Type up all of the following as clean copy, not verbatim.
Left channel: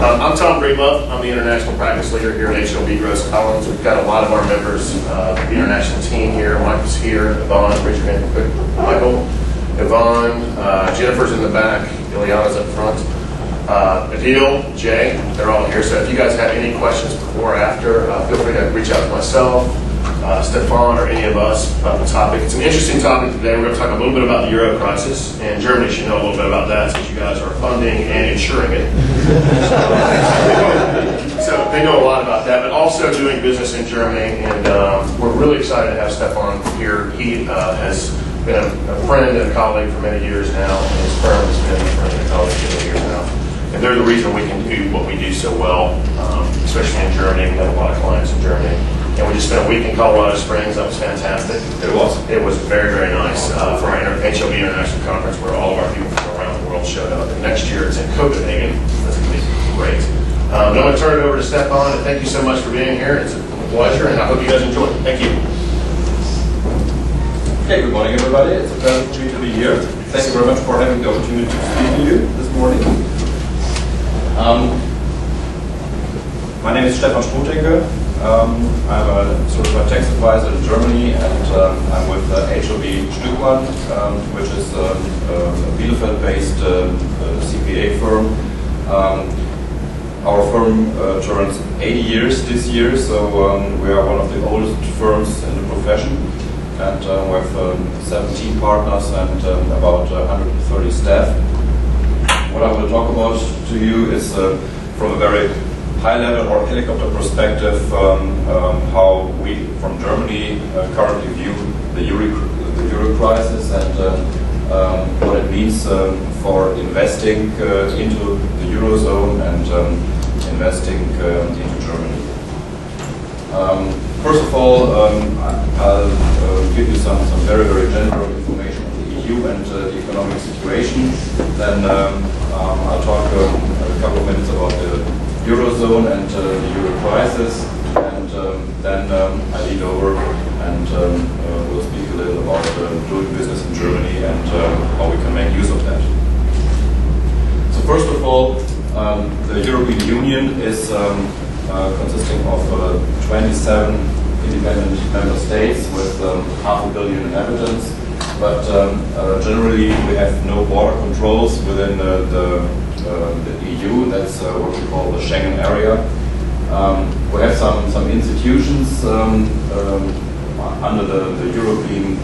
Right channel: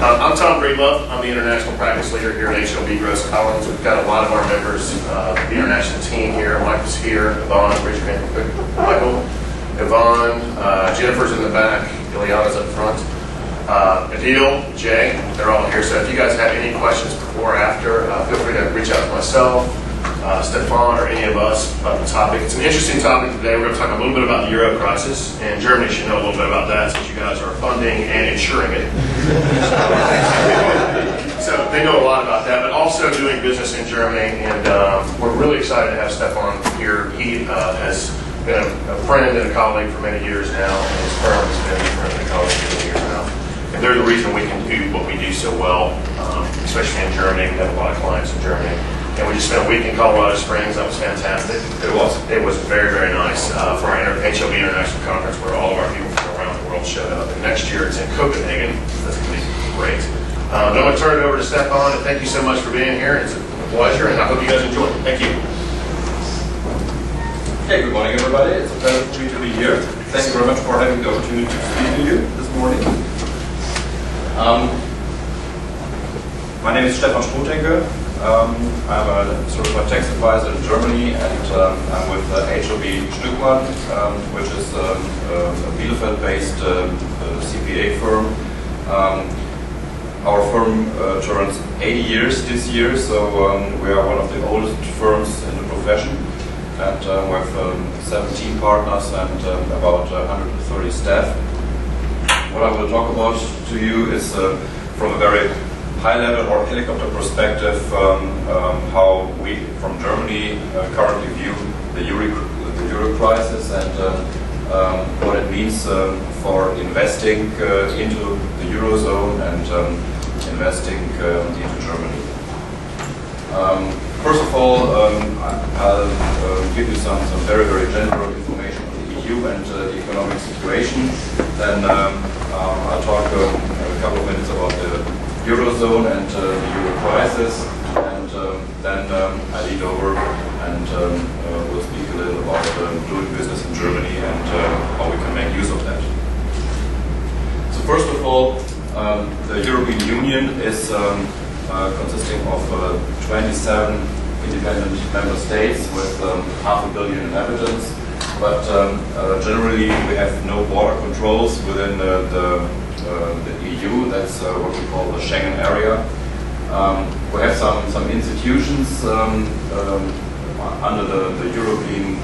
I'm Tom Breedlove. I'm the international practice leader here at HLB Gross Collins. We've got a lot of our members, the international team here. Michael's here, Yvonne, Richard, Michael, Yvonne, Jennifer's in the back, Ileana's up front. Adil, Jay, they're all here. So if you guys have any questions before or after, feel free to reach out to myself, Stephan, or any of us about the topic. It's an interesting topic today. We're going to talk a little bit about the Euro crisis, and Germany should know a little bit about that since you guys are funding and insuring it. So they know a lot about that, but also doing business in Germany, and we're really excited to have Stephan here. He has been a friend and a colleague for many years now, and his firm has been a friend and a colleague for many years now. And they're the reason we can do what we do so well, especially in Germany. We have a lot of clients in Germany. And we just spent a week in Colorado Springs. That was fantastic. It was. It was very, very nice for our HLB International Conference, where all of our people from around the world showed up. And next year it's in Copenhagen. That's going to be great. I'm going to turn it over to Stephan, and thank you so much for being here. It's a pleasure, and I hope you guys enjoy it. Thank you. Okay, good morning, everybody. It's a pleasure for me to be here. Thank you very much for having the opportunity to speak to you this morning. My name is Stephan Strothenke. I'm a certified tax advisor in Germany, and I'm with HLB Stückmann, which is a Bielefeld-based CPA firm. Our firm turns 80 years this year, so we are one of the oldest firms in the profession, and we have 17 partners and about 130 staff. What I will talk about to you is from a very high-level or helicopter perspective, how we from Germany currently view the Euro crisis and what it means for investing into the Eurozone and investing into Germany. First of all, I'll give you some very, very general information on the EU and the economic situation. Then I'll talk a couple of minutes about the Eurozone and the Euro crisis, and then I lead over and we'll speak a little about doing business in Germany and how we can make use of that. So first of all, the European Union is consisting of 27 independent member states with 500 million inhabitants, but generally we have no border controls within the EU. That's what we call the Schengen area. We have some institutions under the European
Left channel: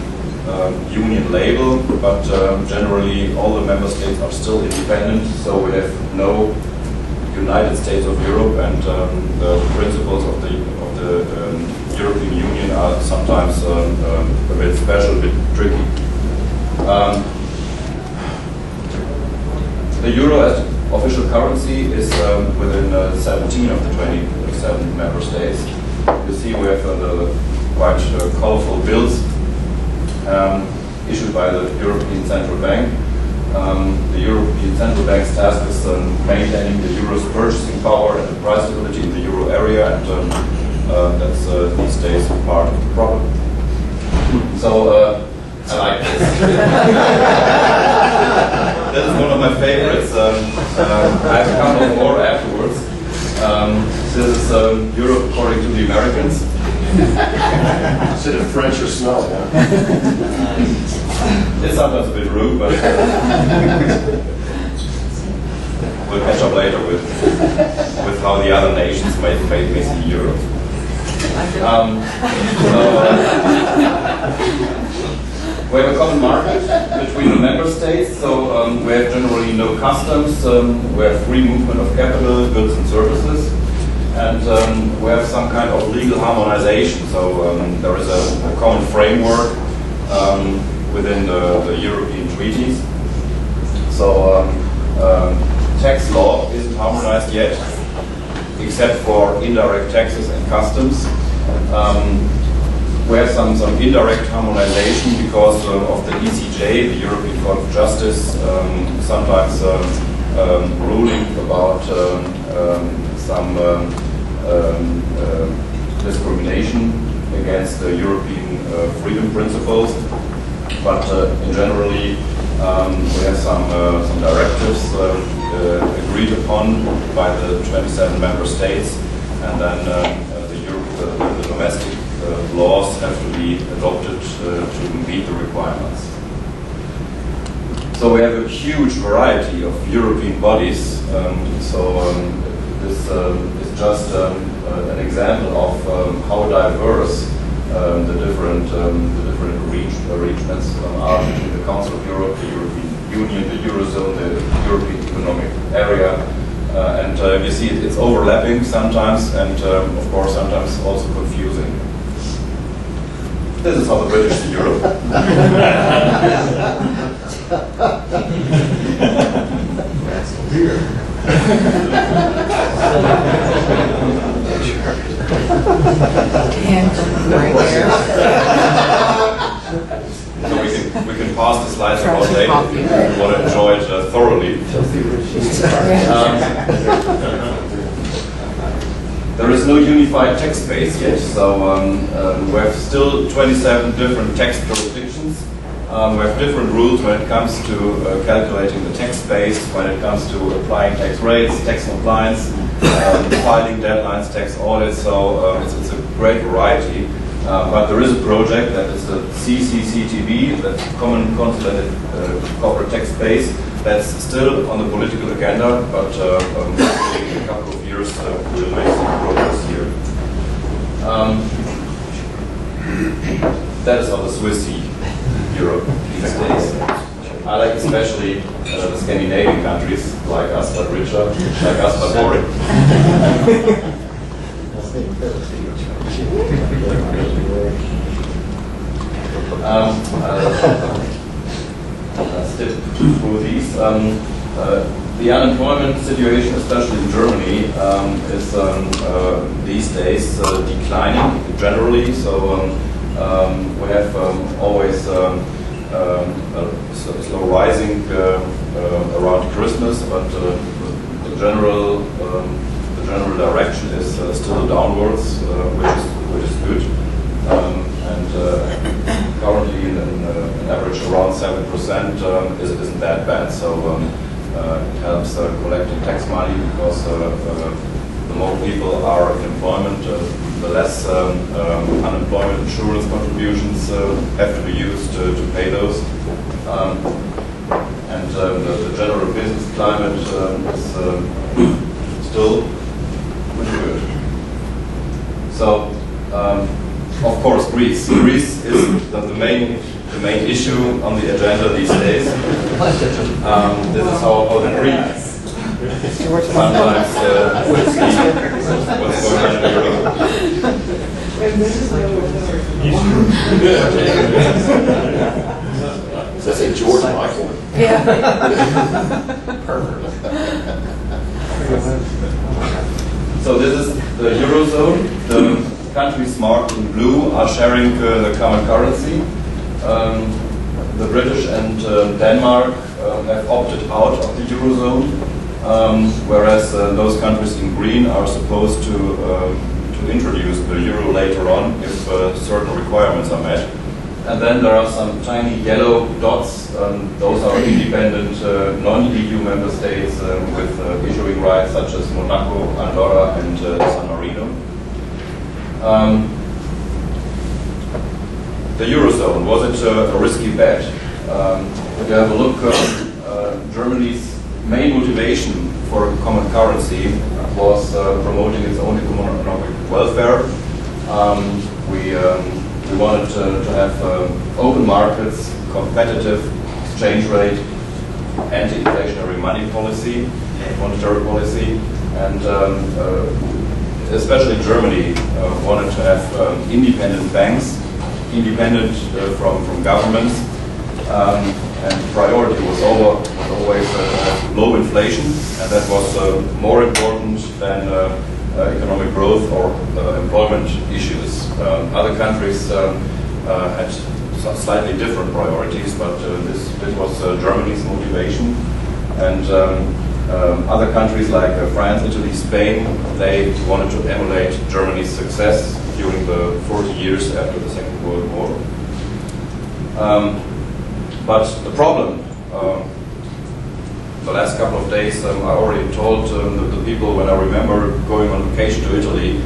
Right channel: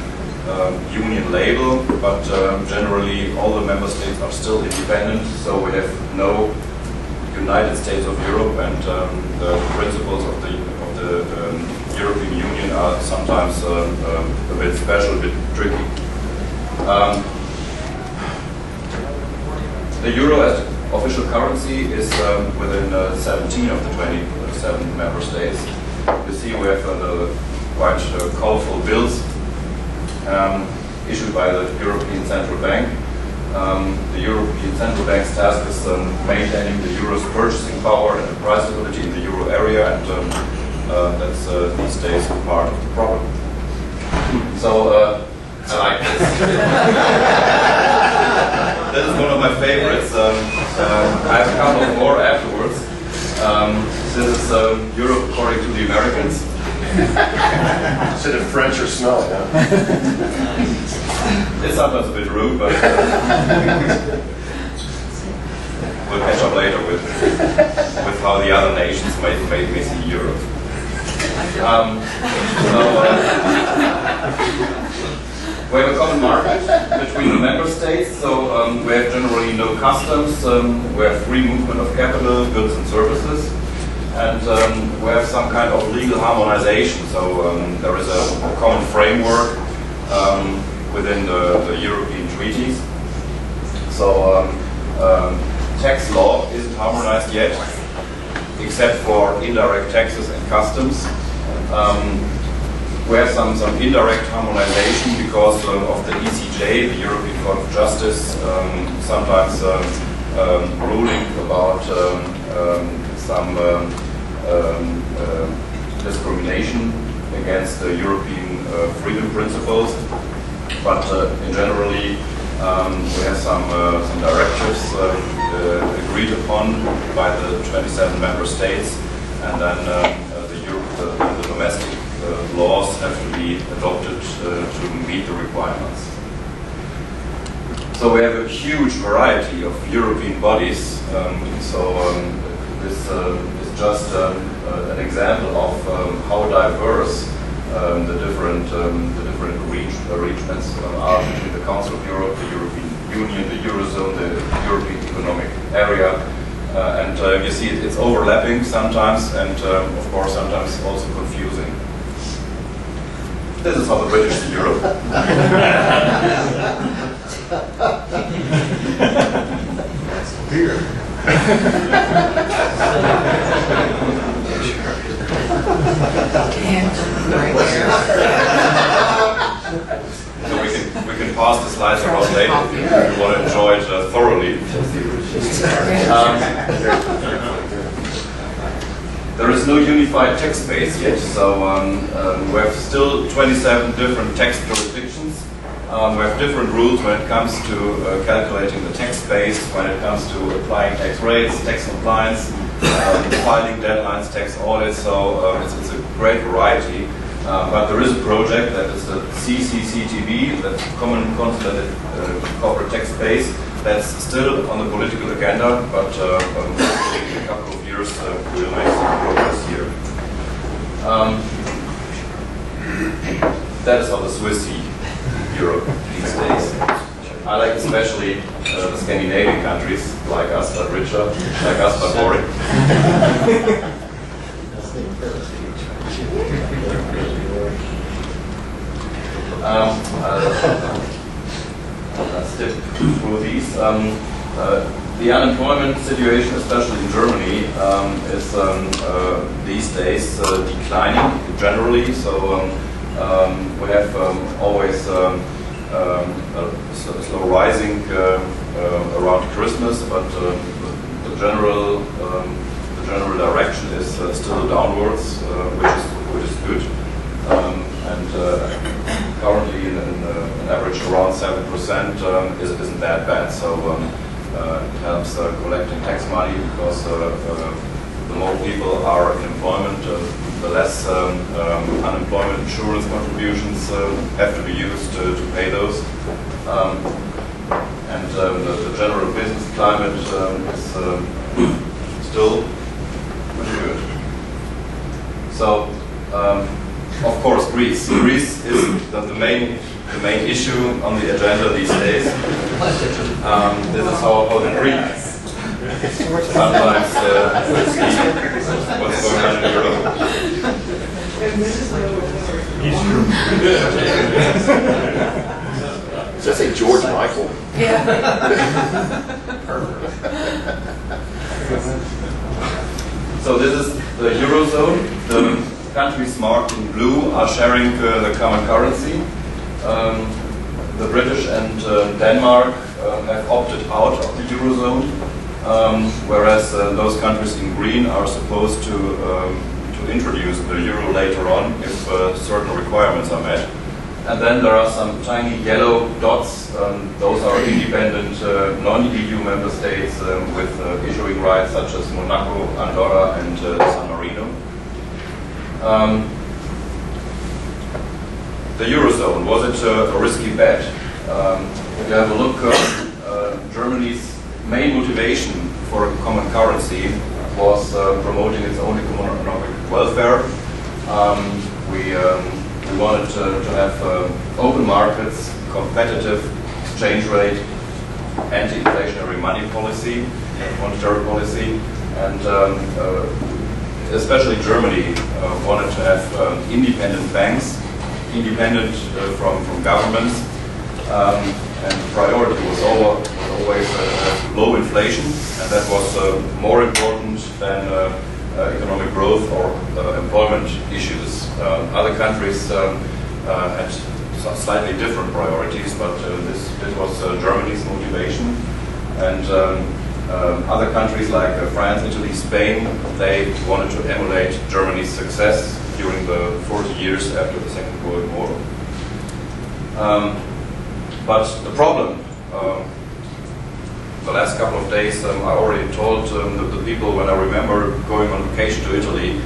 Union label, but generally all the member states are still independent, so we have no United States of Europe, and the principles of the European Union are sometimes a bit special, a bit tricky. The euro as official currency is within 17 of the 27 member states. You see we have quite colorful bills issued by the European Central Bank. The European Central Bank's task is maintaining the euro's purchasing power and the price stability in the euro area, and that's these days part of the problem. So I like this. This is one of my favorites. I have a couple more afterwards. This is Europe according to the Americans. Is it in French or smell? Yeah? It's sometimes a bit rude, but we'll catch up later with how the other nations may see Europe. We have a common market between the member states, so we have generally no customs, we have free movement of capital, goods and services, and we have some kind of legal harmonization, so there is a common framework within the European treaties. So tax law isn't harmonized yet, except for indirect taxes and customs. We have some indirect harmonization because of the ECJ, the European Court of Justice, sometimes ruling about some discrimination against the European freedom principles. But in generally, we have some directives. The agreed upon by the 27 member states, and then the domestic laws have to be adopted to meet the requirements. So we have a huge variety of European bodies. This is just an example of how diverse the different arrangements are between the Council of Europe, the European Union, the Eurozone, the European Economic Area. And you see it's overlapping sometimes, and of course sometimes also confusing. This is how the British see Europe. That's weird. So we can pass the slides around later if you want to enjoy it thoroughly. There is no unified tax base yet, so we have still 27 different tax jurisdictions. We have different rules when it comes to calculating the tax base, when it comes to applying tax rates, tax compliance, filing deadlines, tax audits, so it's a great variety. But there is a project that is the CCCTB, that's Common Consolidated Corporate Tax Base, that's still on the political agenda, but hopefully in a couple of years we'll make some progress here. That is how the Swiss see Europe these days. I like especially the Scandinavian countries, like us but richer, like us but boring. Let's step through these. The unemployment situation, especially in Germany, is these days declining generally. So we have always slow rising around Christmas, but the general direction is still downwards, which is good. Currently, an average around 7% isn't that bad. So it helps collecting tax money because the more people are in employment, the less unemployment insurance contributions have to be used to pay those. The general business climate is still pretty good. So, of course, Greece. Greece is the main issue on the agenda these days. This is how the Greeks sometimes will see what's going on in Europe. Does that say George Michael? Yeah. Perfect. So this is the Eurozone. The countries marked in blue are sharing the common currency. The British and Denmark have opted out of the Eurozone, whereas those countries in green are supposed to introduce the euro later on if certain requirements are met. And then there are some tiny yellow dots. Those are independent non-EU member states with issuing rights such as Monaco, Andorra, and San Marino. The Eurozone, was it a risky bet? If you have a look, Germany's main motivation for a common currency was promoting its own economic welfare. We wanted to have open markets, competitive exchange rate, anti-inflationary money policy, monetary policy, and especially Germany wanted to have independent banks, independent from governments, and priority was always low inflation, and that was more important than economic growth or employment issues. Other countries had slightly different priorities, but this was Germany's motivation. And other countries like France, Italy, Spain, they wanted to emulate Germany's success during the 40 years after the Second World War. But the problem the last couple of days, I already told the people when I remember going on vacation to Italy,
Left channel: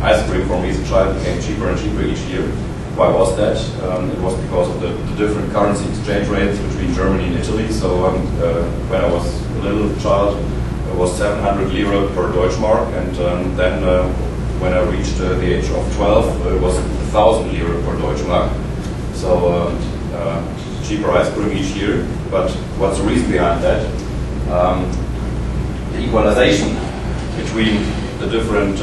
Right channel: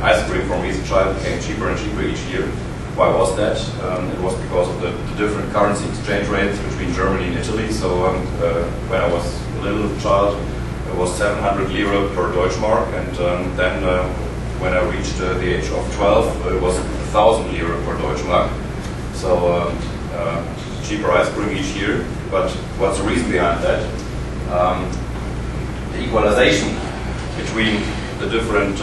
ice cream for me as a child became cheaper and cheaper each year. Why was that? It was because of the different currency exchange rates between Germany and Italy. So when I was a little child, it was 700 lira per Deutschmark, and then when I reached the age of 12, it was 1,000 lira per Deutschmark. So cheaper ice cream each year. But what's the reason behind that? The equalization between the different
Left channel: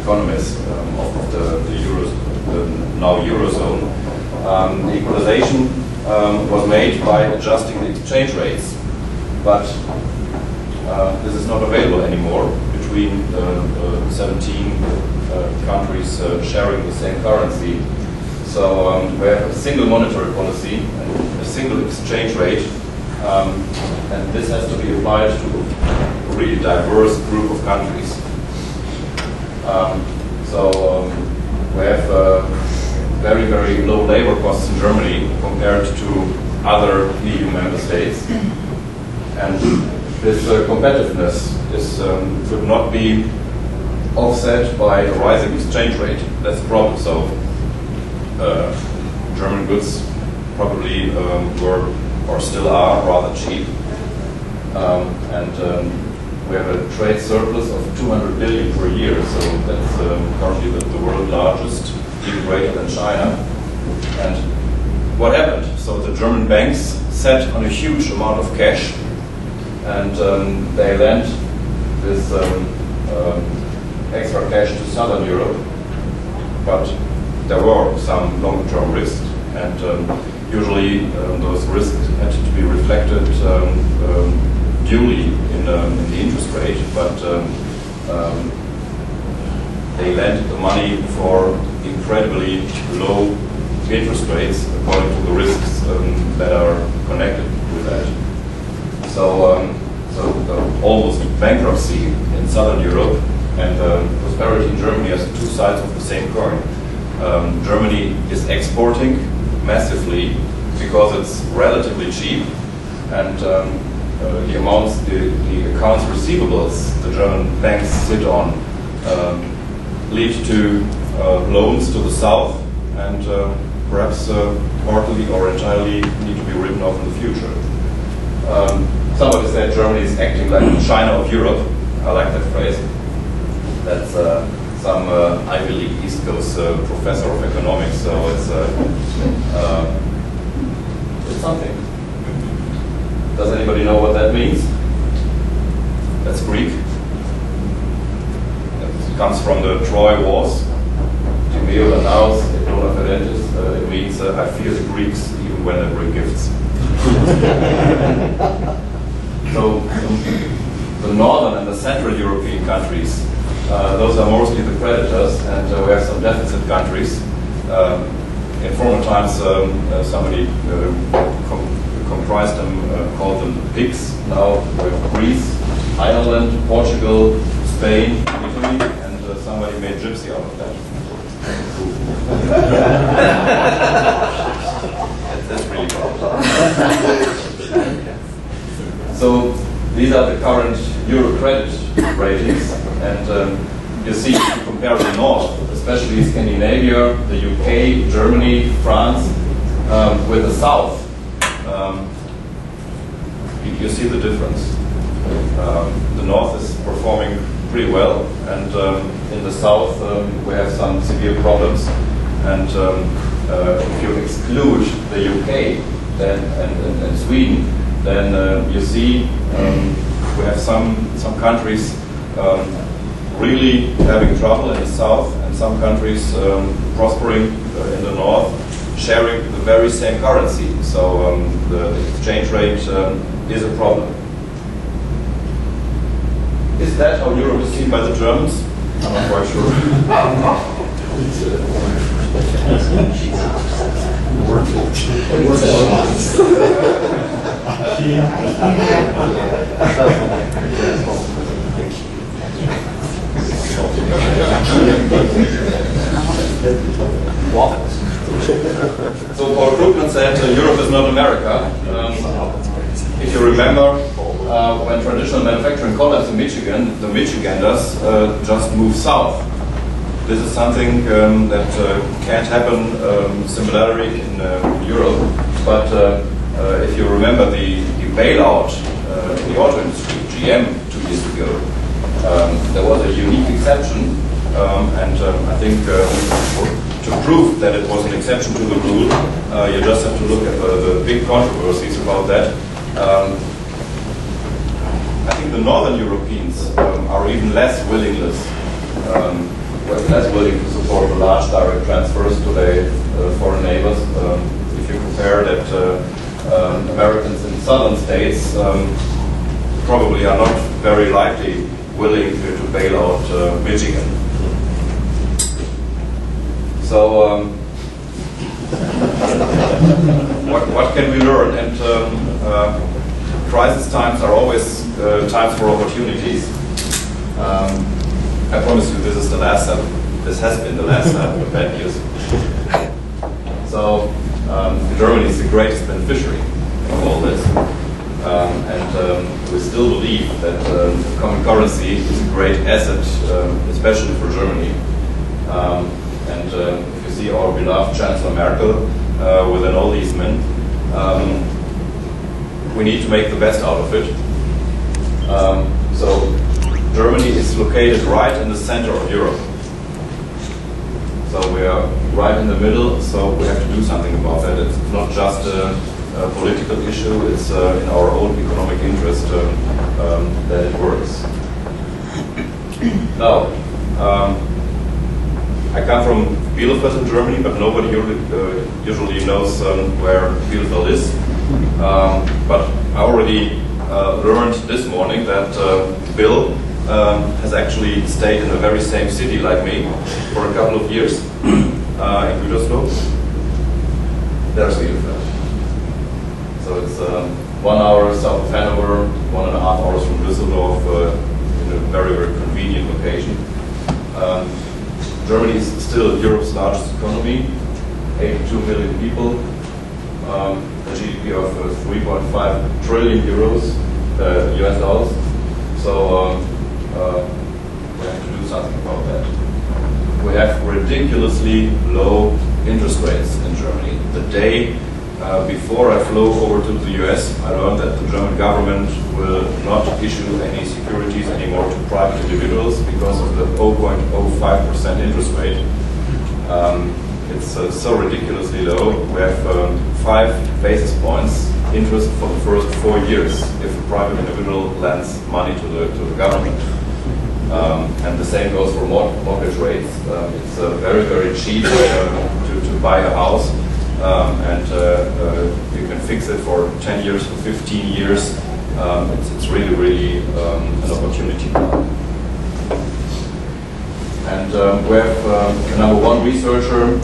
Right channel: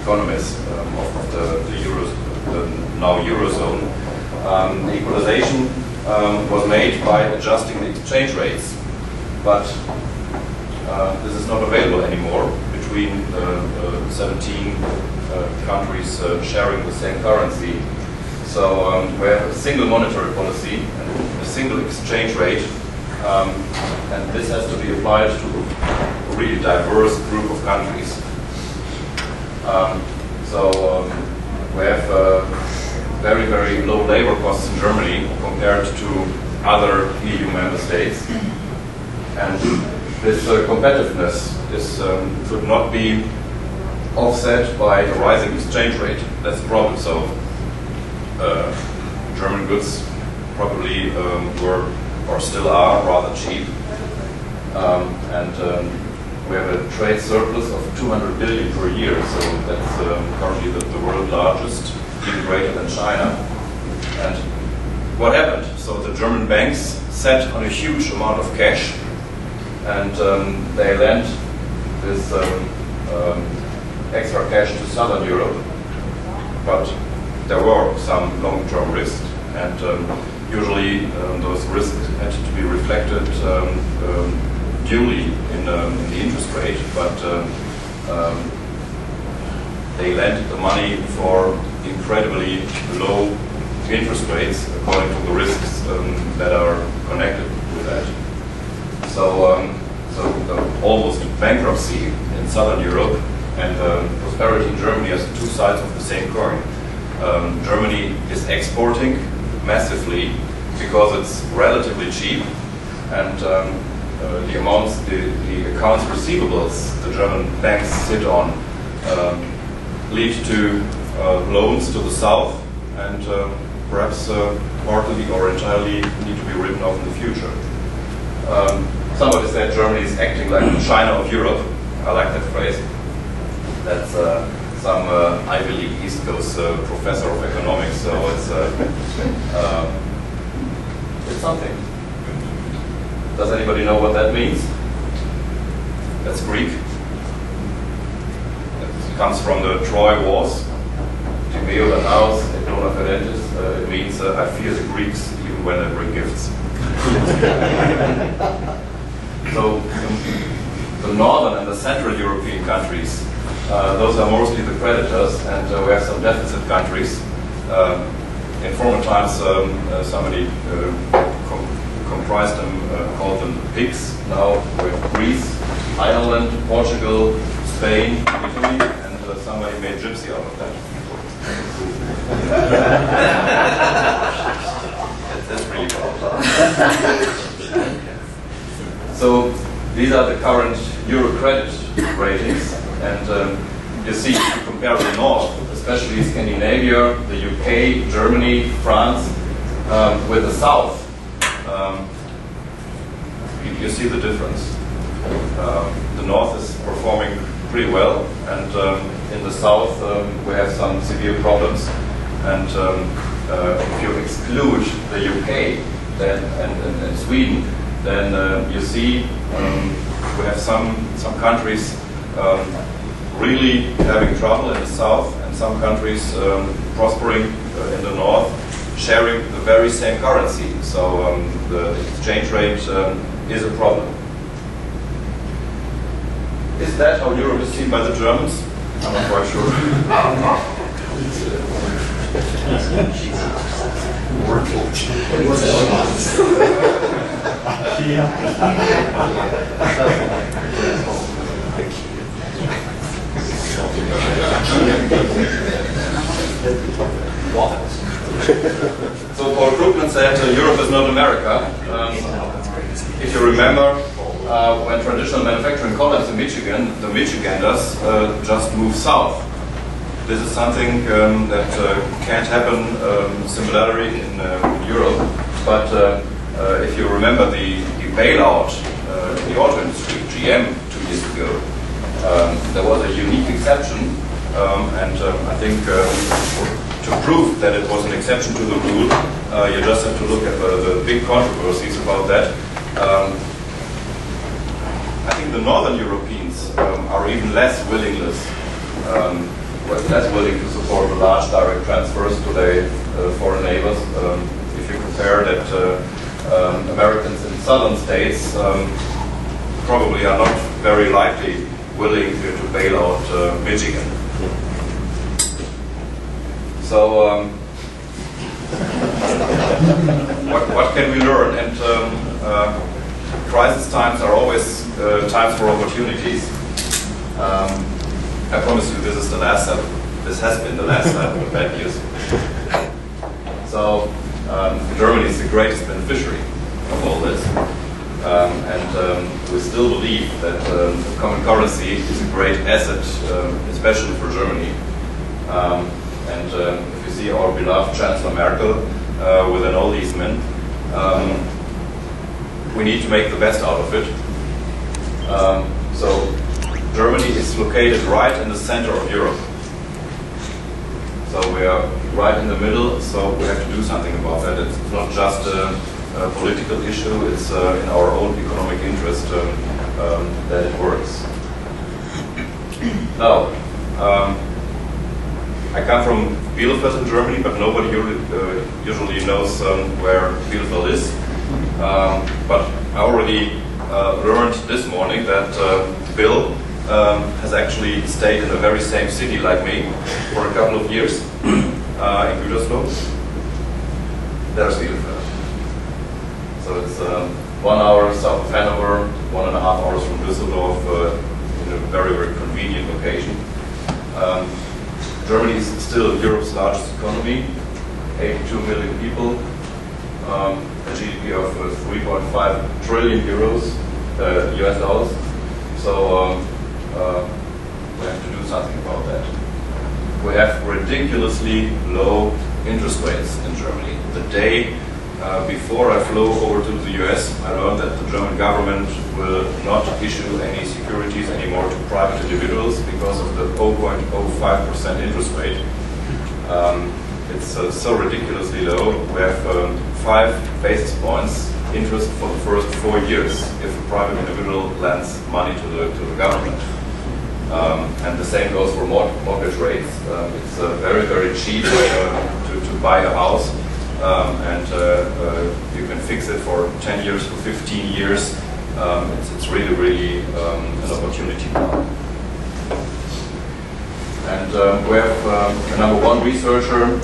economies of the now Eurozone. The equalization was made by adjusting the exchange rates, but this is not available anymore between the 17 countries sharing the same currency. So we have a single monetary policy and a single exchange rate, and this has to be applied to a really diverse group of countries. We have very, very low labor costs in Germany compared to other EU member states. And this competitiveness could not be offset by a rising exchange rate. That's the problem. So German goods probably were or still are rather cheap. We have a trade surplus of 200 billion per year, so that's currently the world's largest, even greater than China. And what happened? So the German banks sat on a huge amount of cash, and they lent this extra cash to Southern Europe, but there were some long-term risks, and usually those risks had to be reflected duly in the interest rate, but they lent the money for incredibly low interest rates according to the risks that are connected with that. So the almost bankruptcy in Southern Europe and prosperity in Germany are two sides of the same coin. Germany is exporting massively because it's relatively cheap, and the amounts, the accounts receivables the German banks sit on lead to loans to the south, and perhaps partly or entirely need to be written off in the future. Somebody said Germany is acting like the China of Europe. I like that phrase. That's some Ivy League East Coast professor of economics, so it's something. Does anybody know what that means? That's Greek. It comes from the Troy Wars. Timeo Danaos, et dona ferentes. It means I fear the Greeks even when they bring gifts. So the northern and the central European countries, those are mostly the creditors, and we have some deficit countries. In former times, somebody comprised them, called them the pigs. Now we have Greece, Ireland, Portugal, Spain, Italy, and somebody made gypsy out of that. That's really cool. So these are the current Euro credit ratings, and you see, if you compare the north, especially Scandinavia, the UK, Germany, France, with the south, you see the difference. The north is performing pretty well, and in the south we have some severe problems. And if you exclude the UK and Sweden, then you see we have some countries really having trouble in the south, and some countries prospering in the north, sharing the very same currency. So the exchange rate is a problem. Is that how Europe is seen by the Germans? I'm not quite sure. So Paul Krugman said Europe is not America. If you remember, when traditional manufacturing collapsed in Michigan, the Michiganders just moved south. This is something that can't happen similarly in Europe. But if you remember the bailout in the auto industry, GM 2 years ago, there was a unique exception, and I think to prove that it was an exception to the rule, you just have to look at the big controversies about that. I think the Northern Europeans are even less willing to support the large direct transfers to their foreign neighbors. If you compare that, Americans in southern states probably are not very likely willing to bail out Michigan. So, what can we learn? And crisis times are always times for opportunities. I promise you, this is the last time. This has been the last time of bad news. So, Germany is the greatest beneficiary of all this, and we still believe that common currency is a great asset, especially for Germany. And if you see our beloved Chancellor Merkel within all these men, we need to make the best out of it. So Germany is located right in the center of Europe. So we are right in the middle, so we have to do something about that. It's not just a political issue, it's in our own economic interest that it works. Now, I come from Bielefeld in Germany, but nobody usually knows where Bielefeld is. But I already learned this morning that Bill has actually stayed in the very same city like me for a couple of years in Gütersloh. There's Bielefeld. So it's 1 hour south of Hanover, 1.5 hours from Düsseldorf, in a very, very convenient location. Germany is still Europe's largest economy, 82 million people, a GDP of 3.5 trillion euros, US dollars. So we have to do something about that. We have ridiculously low interest rates in Germany. The day before I flew over to the US, I learned that the German government will not issue any securities anymore to private individuals because of the 0.05% interest rate. It's so ridiculously low. We have 5 basis points interest for the first 4 years if a private individual lends money to the government. And the same goes for mortgage rates. It's very, very cheap to buy a house. And you can fix it for 10 years, for 15 years. It's really, really an opportunity now. And we have a #1 researcher,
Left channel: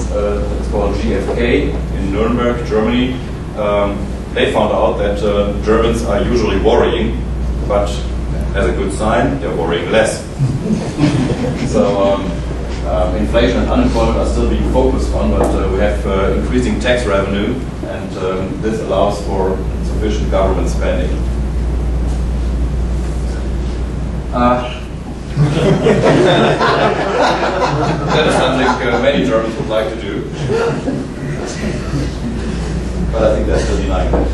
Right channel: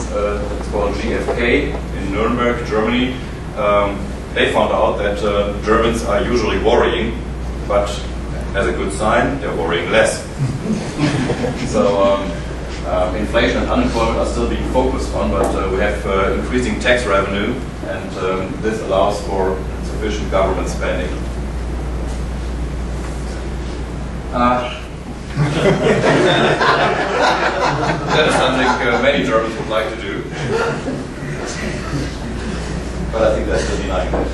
it's called GfK in Nuremberg, Germany. They found out that Germans are usually worrying, but as a good sign, they're worrying less. So inflation and unemployment are still being focused on, but we have increasing tax revenue, and this allows for sufficient government spending. That is something many Germans would like to do, but I think that's still denying it.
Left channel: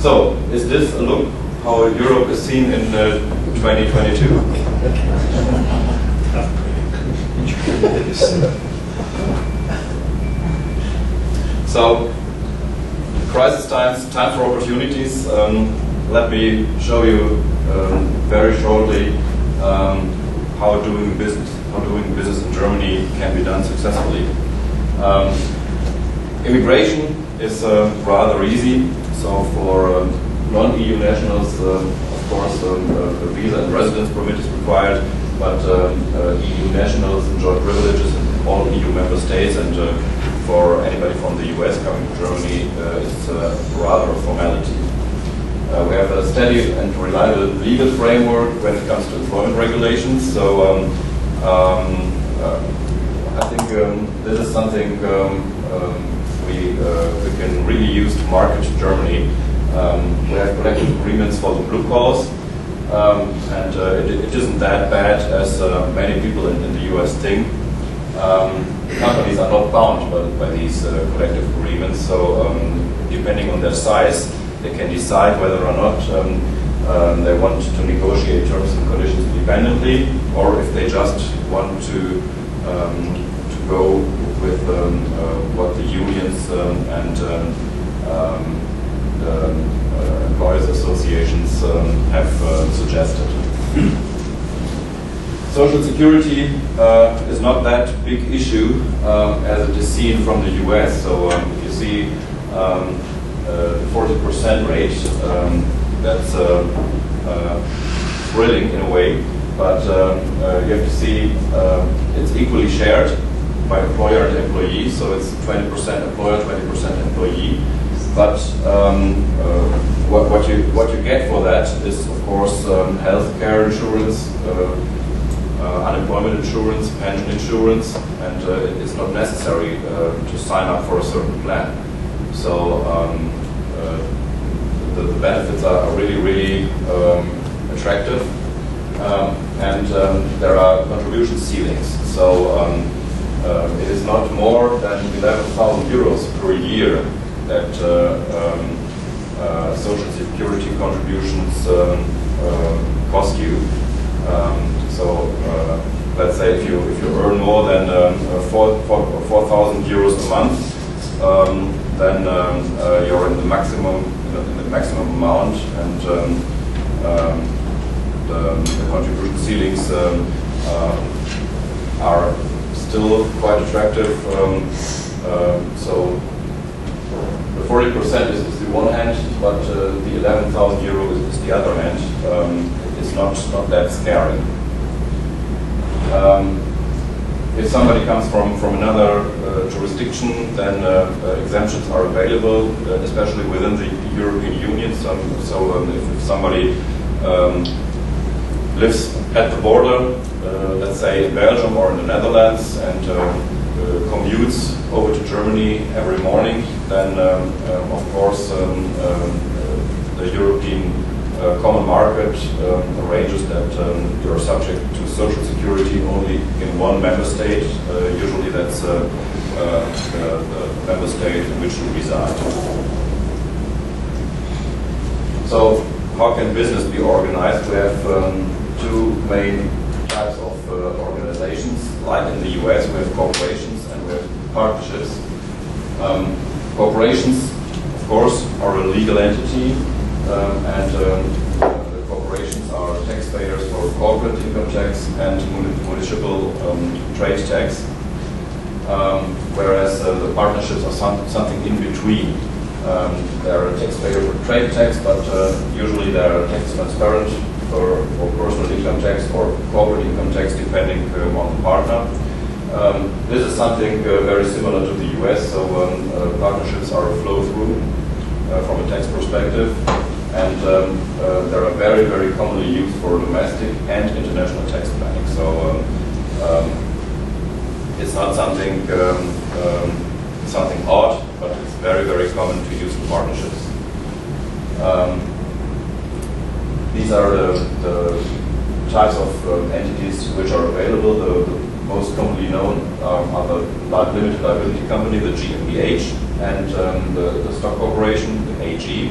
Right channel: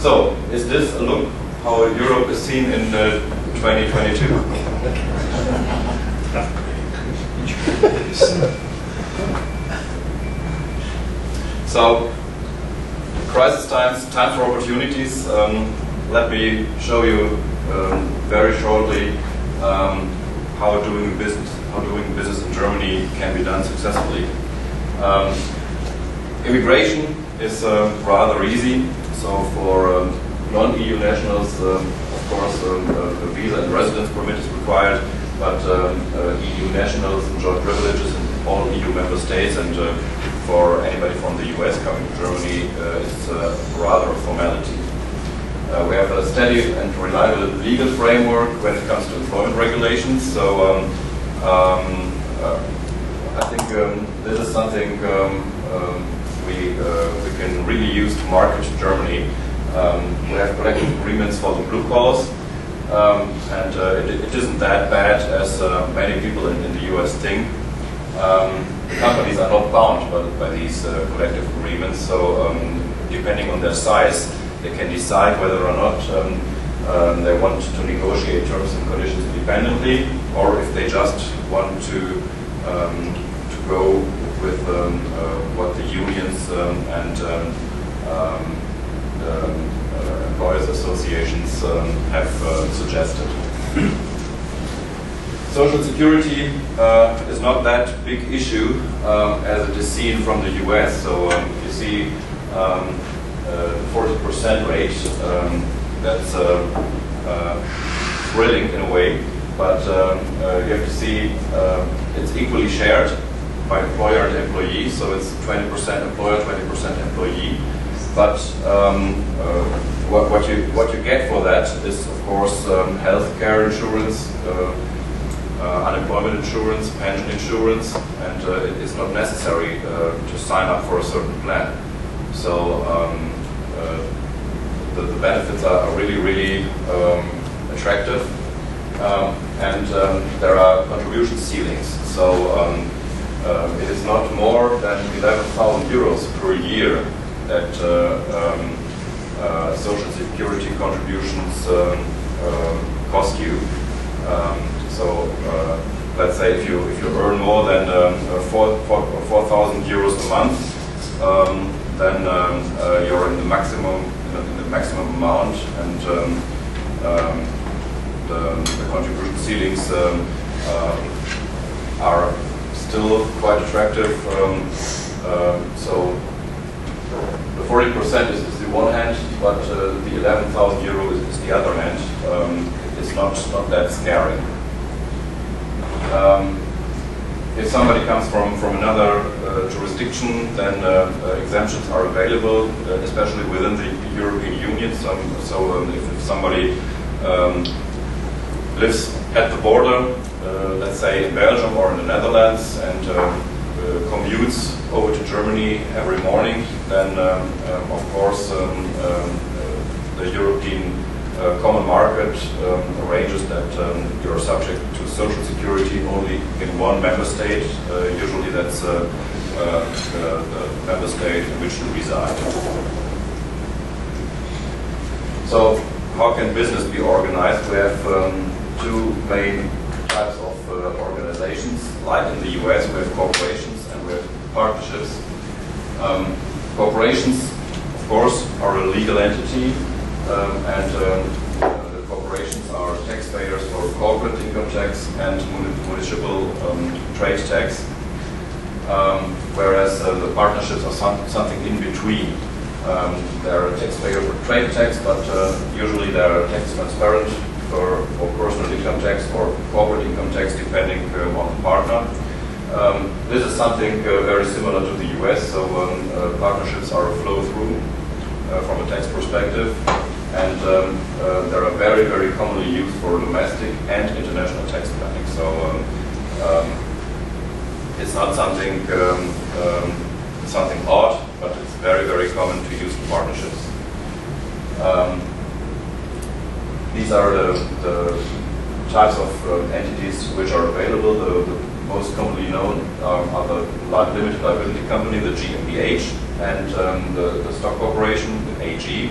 So, is this a look how Europe is seen in 2022? So, crisis times, time for opportunities. Let me show you very shortly how doing business in Germany can be done successfully. Immigration is rather easy. So for non-EU nationals, of course, a visa and residence permit is required. But EU nationals enjoy privileges in all EU member states, and for anybody from the US coming to Germany, it's rather a formality. We have a steady and reliable legal framework when it comes to employment regulations. So I think this is something we can really use to market Germany. We have collective agreements for the blue collars, and it isn't that bad as many people in the US think. Companies are not bound by these collective agreements, so depending on their size, they can decide whether or not they want to negotiate terms and conditions independently, or if they just want to go with what the unions and the employers associations have suggested. Social security is not that big issue as it is seen from the US. So you see 40% rate, that's thrilling in a way, but you have to see it's equally shared by employer and employee, so it's 20% employer, 20% employee. But what you get for that is, of course, health care insurance, unemployment insurance, pension insurance, and it is not necessary to sign up for a certain plan. So the benefits are really, really attractive, and there are contribution ceilings. So it is not more than 11,000 euros per year that social security contributions cost you. So let's say if you earn more than 4,000 euros a month, then you're in the maximum amount, and the contribution ceilings are still quite attractive. So the 40% is the one hand, but the 11,000 euro is the other hand. It's not that scary. If somebody comes from another jurisdiction, then exemptions are available, especially within the European Union. So if somebody lives at the border, let's say in Belgium or in the Netherlands, and commutes over to Germany every morning, then of course the European common market arranges that you're subject to social security only in one member state. Usually that's the member state in which you reside. So how can business be organized? We have two main types of organizations. Like in the US, we have corporations and we have partnerships. Corporations, of course, are a legal entity, and the corporations are taxpayers for corporate income tax and municipal trade tax, whereas the partnerships are something in between. They're a taxpayer for trade tax, but usually they're tax transparent for personal income tax or corporate income tax, depending on the partner. This is something very similar to the US, so partnerships are a flow-through from a tax perspective, and they are very, very commonly used for domestic and international tax planning. So it's not something odd, but it's very, very common to use partnerships. These are the types of entities which are available. The most commonly known are the limited liability company, the GmbH, and the stock corporation, the AG.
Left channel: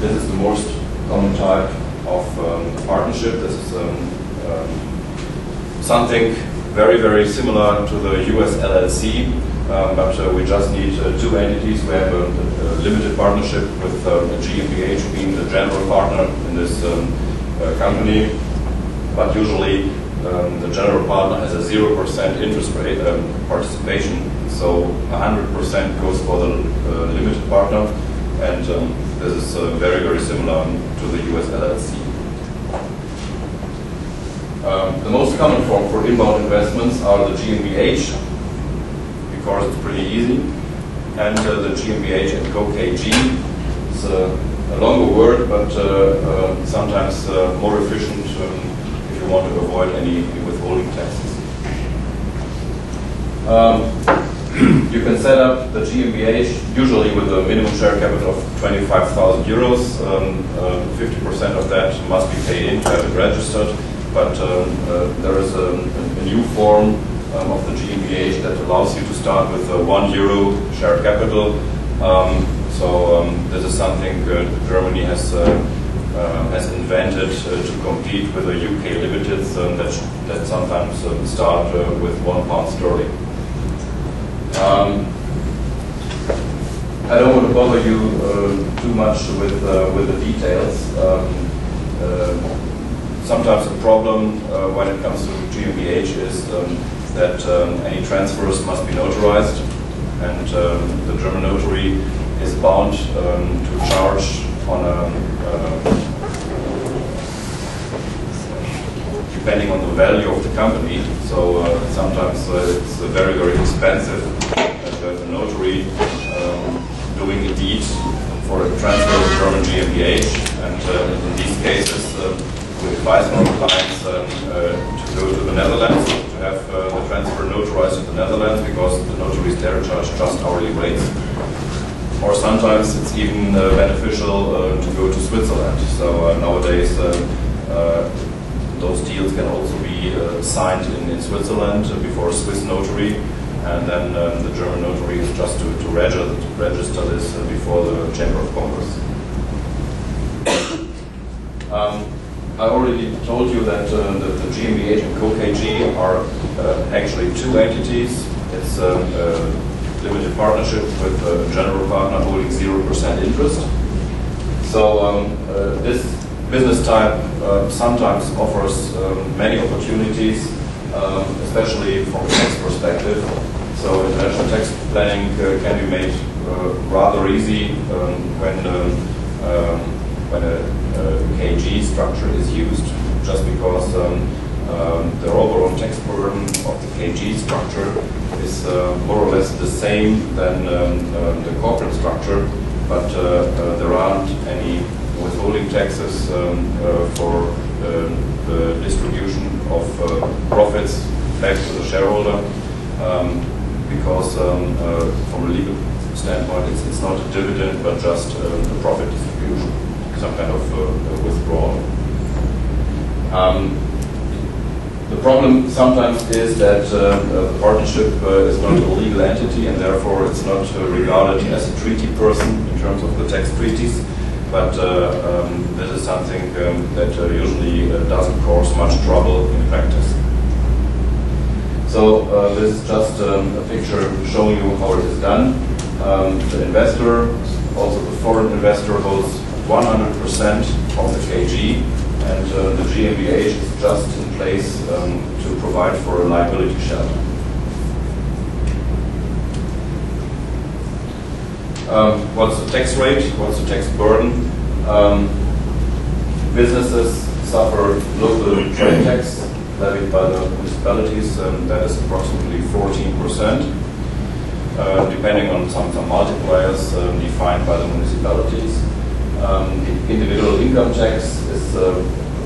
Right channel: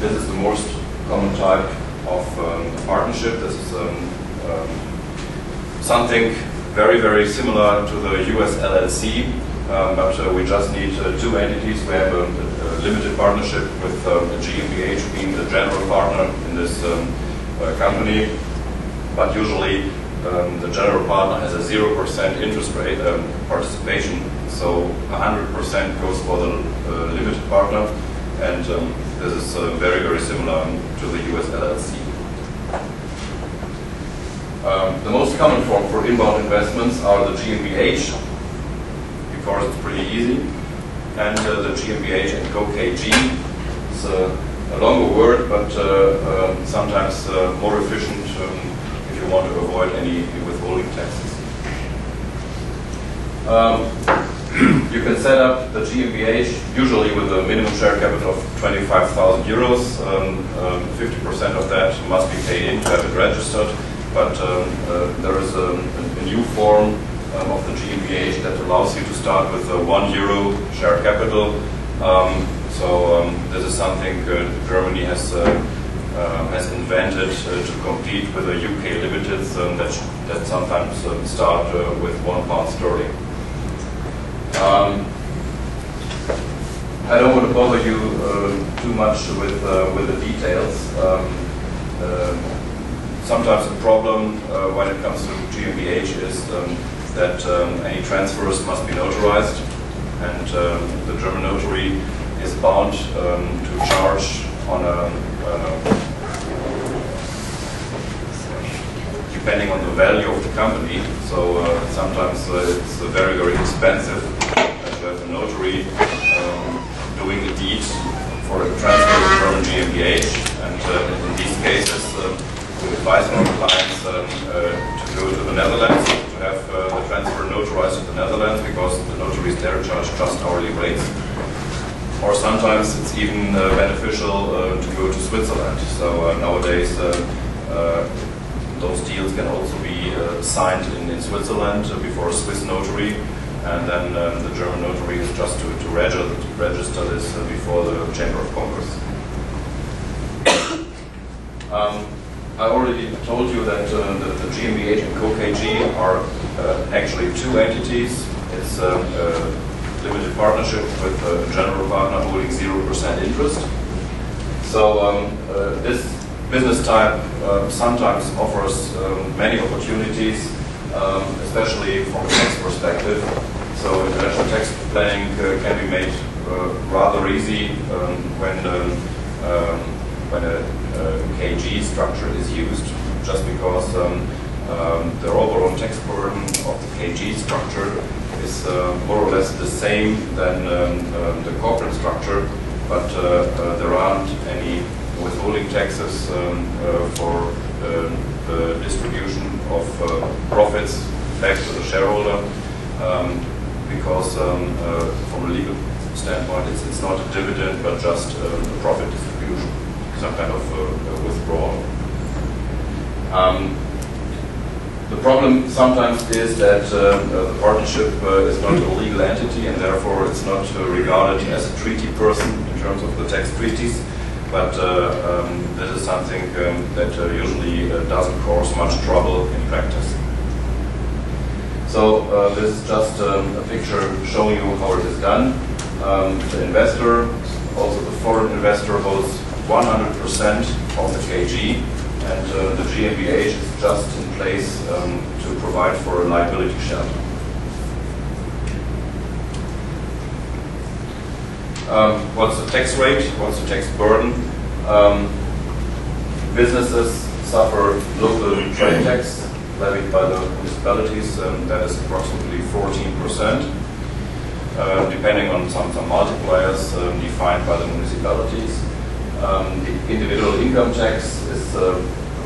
This is the most common type of partnership. This is something very, very similar to the US LLC, but we just need two entities. We have a limited partnership with GmbH being the general partner in this company, but usually the general partner has a 0% interest rate participation, so 100% goes for the limited partner, and this is very, very similar to the US LLC. The most common form for inbound investments are the GmbH, because it's pretty easy, and the GmbH and Co. KG. It's a longer word, but sometimes more efficient if you want to avoid any withholding taxes. You can set up the GmbH usually with a minimum share capital of 25,000 euros. 50% of that must be paid in to have it registered. But there is a new form of the GmbH that allows you to start with a €1 share capital. This is something Germany has invented to compete with the UK limiteds that sometimes start with £1. I don't want to bother you too much with the details. Sometimes the problem when it comes to GmbH is that any transfers must be notarized, and the German notary is bound to charge on depending on the value of the company. So sometimes it's very, very expensive to have a notary doing a deed for a transfer of German GmbH, and in these cases we advise our clients to go to the Netherlands, to have the transfer notarized in the Netherlands, because the notaries there charge just hourly rates. Or sometimes it's even beneficial to go to Switzerland. So nowadays those deals can also be signed in Switzerland before a Swiss notary, and then the German notary is just to register this before the Chamber of Commerce. I already told you that the GmbH and Co. KG are actually two entities. It's a limited partnership with a general partner holding 0% interest. So this business type sometimes offers many opportunities, especially from a tax perspective. So international tax planning can be made rather easy when a KG structure is used, just because the overall tax burden of the KG structure is more or less the same than the corporate structure, but there aren't any withholding taxes for the distribution of profits back to the shareholder, because from a legal standpoint it's not a dividend but just a profit distribution, some kind of withdrawal. The problem sometimes is that the partnership is not a legal entity, and therefore it's not regarded as a treaty person in terms of the tax treaties, but this is something that usually doesn't cause much trouble in practice. So this is just a picture showing you how it is done. The investor, also the foreign investor, holds 100% of the KG, and the GmbH is just in place to provide for a liability shelter. What's the tax rate? What's the tax burden? Businesses suffer local trade tax levied by the municipalities, that is approximately 14%, depending on some multipliers defined by the municipalities. The individual income tax is a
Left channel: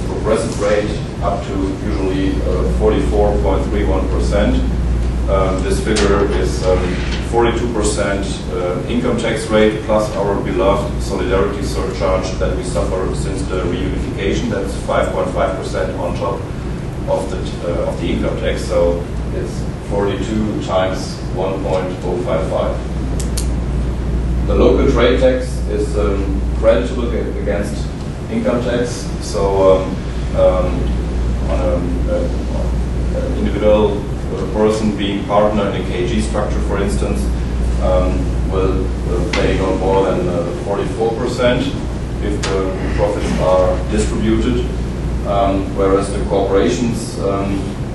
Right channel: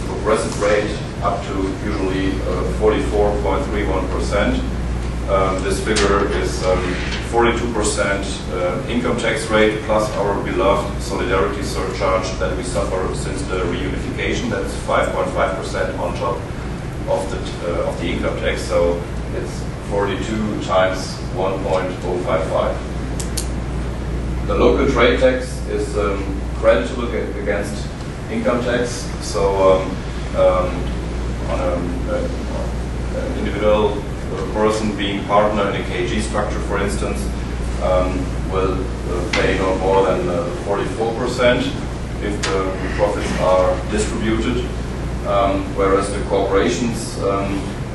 progressive rate up to usually 44.31%. This figure is 42% income tax rate plus our beloved solidarity surcharge that we suffer since the reunification. That's 5.5% on top of the income tax. So it's 42 times 1.055. The local trade tax is creditable against income tax. So on an individual person being partner in a KG structure, for instance, will pay no more than 44% if the profits are distributed, whereas the corporations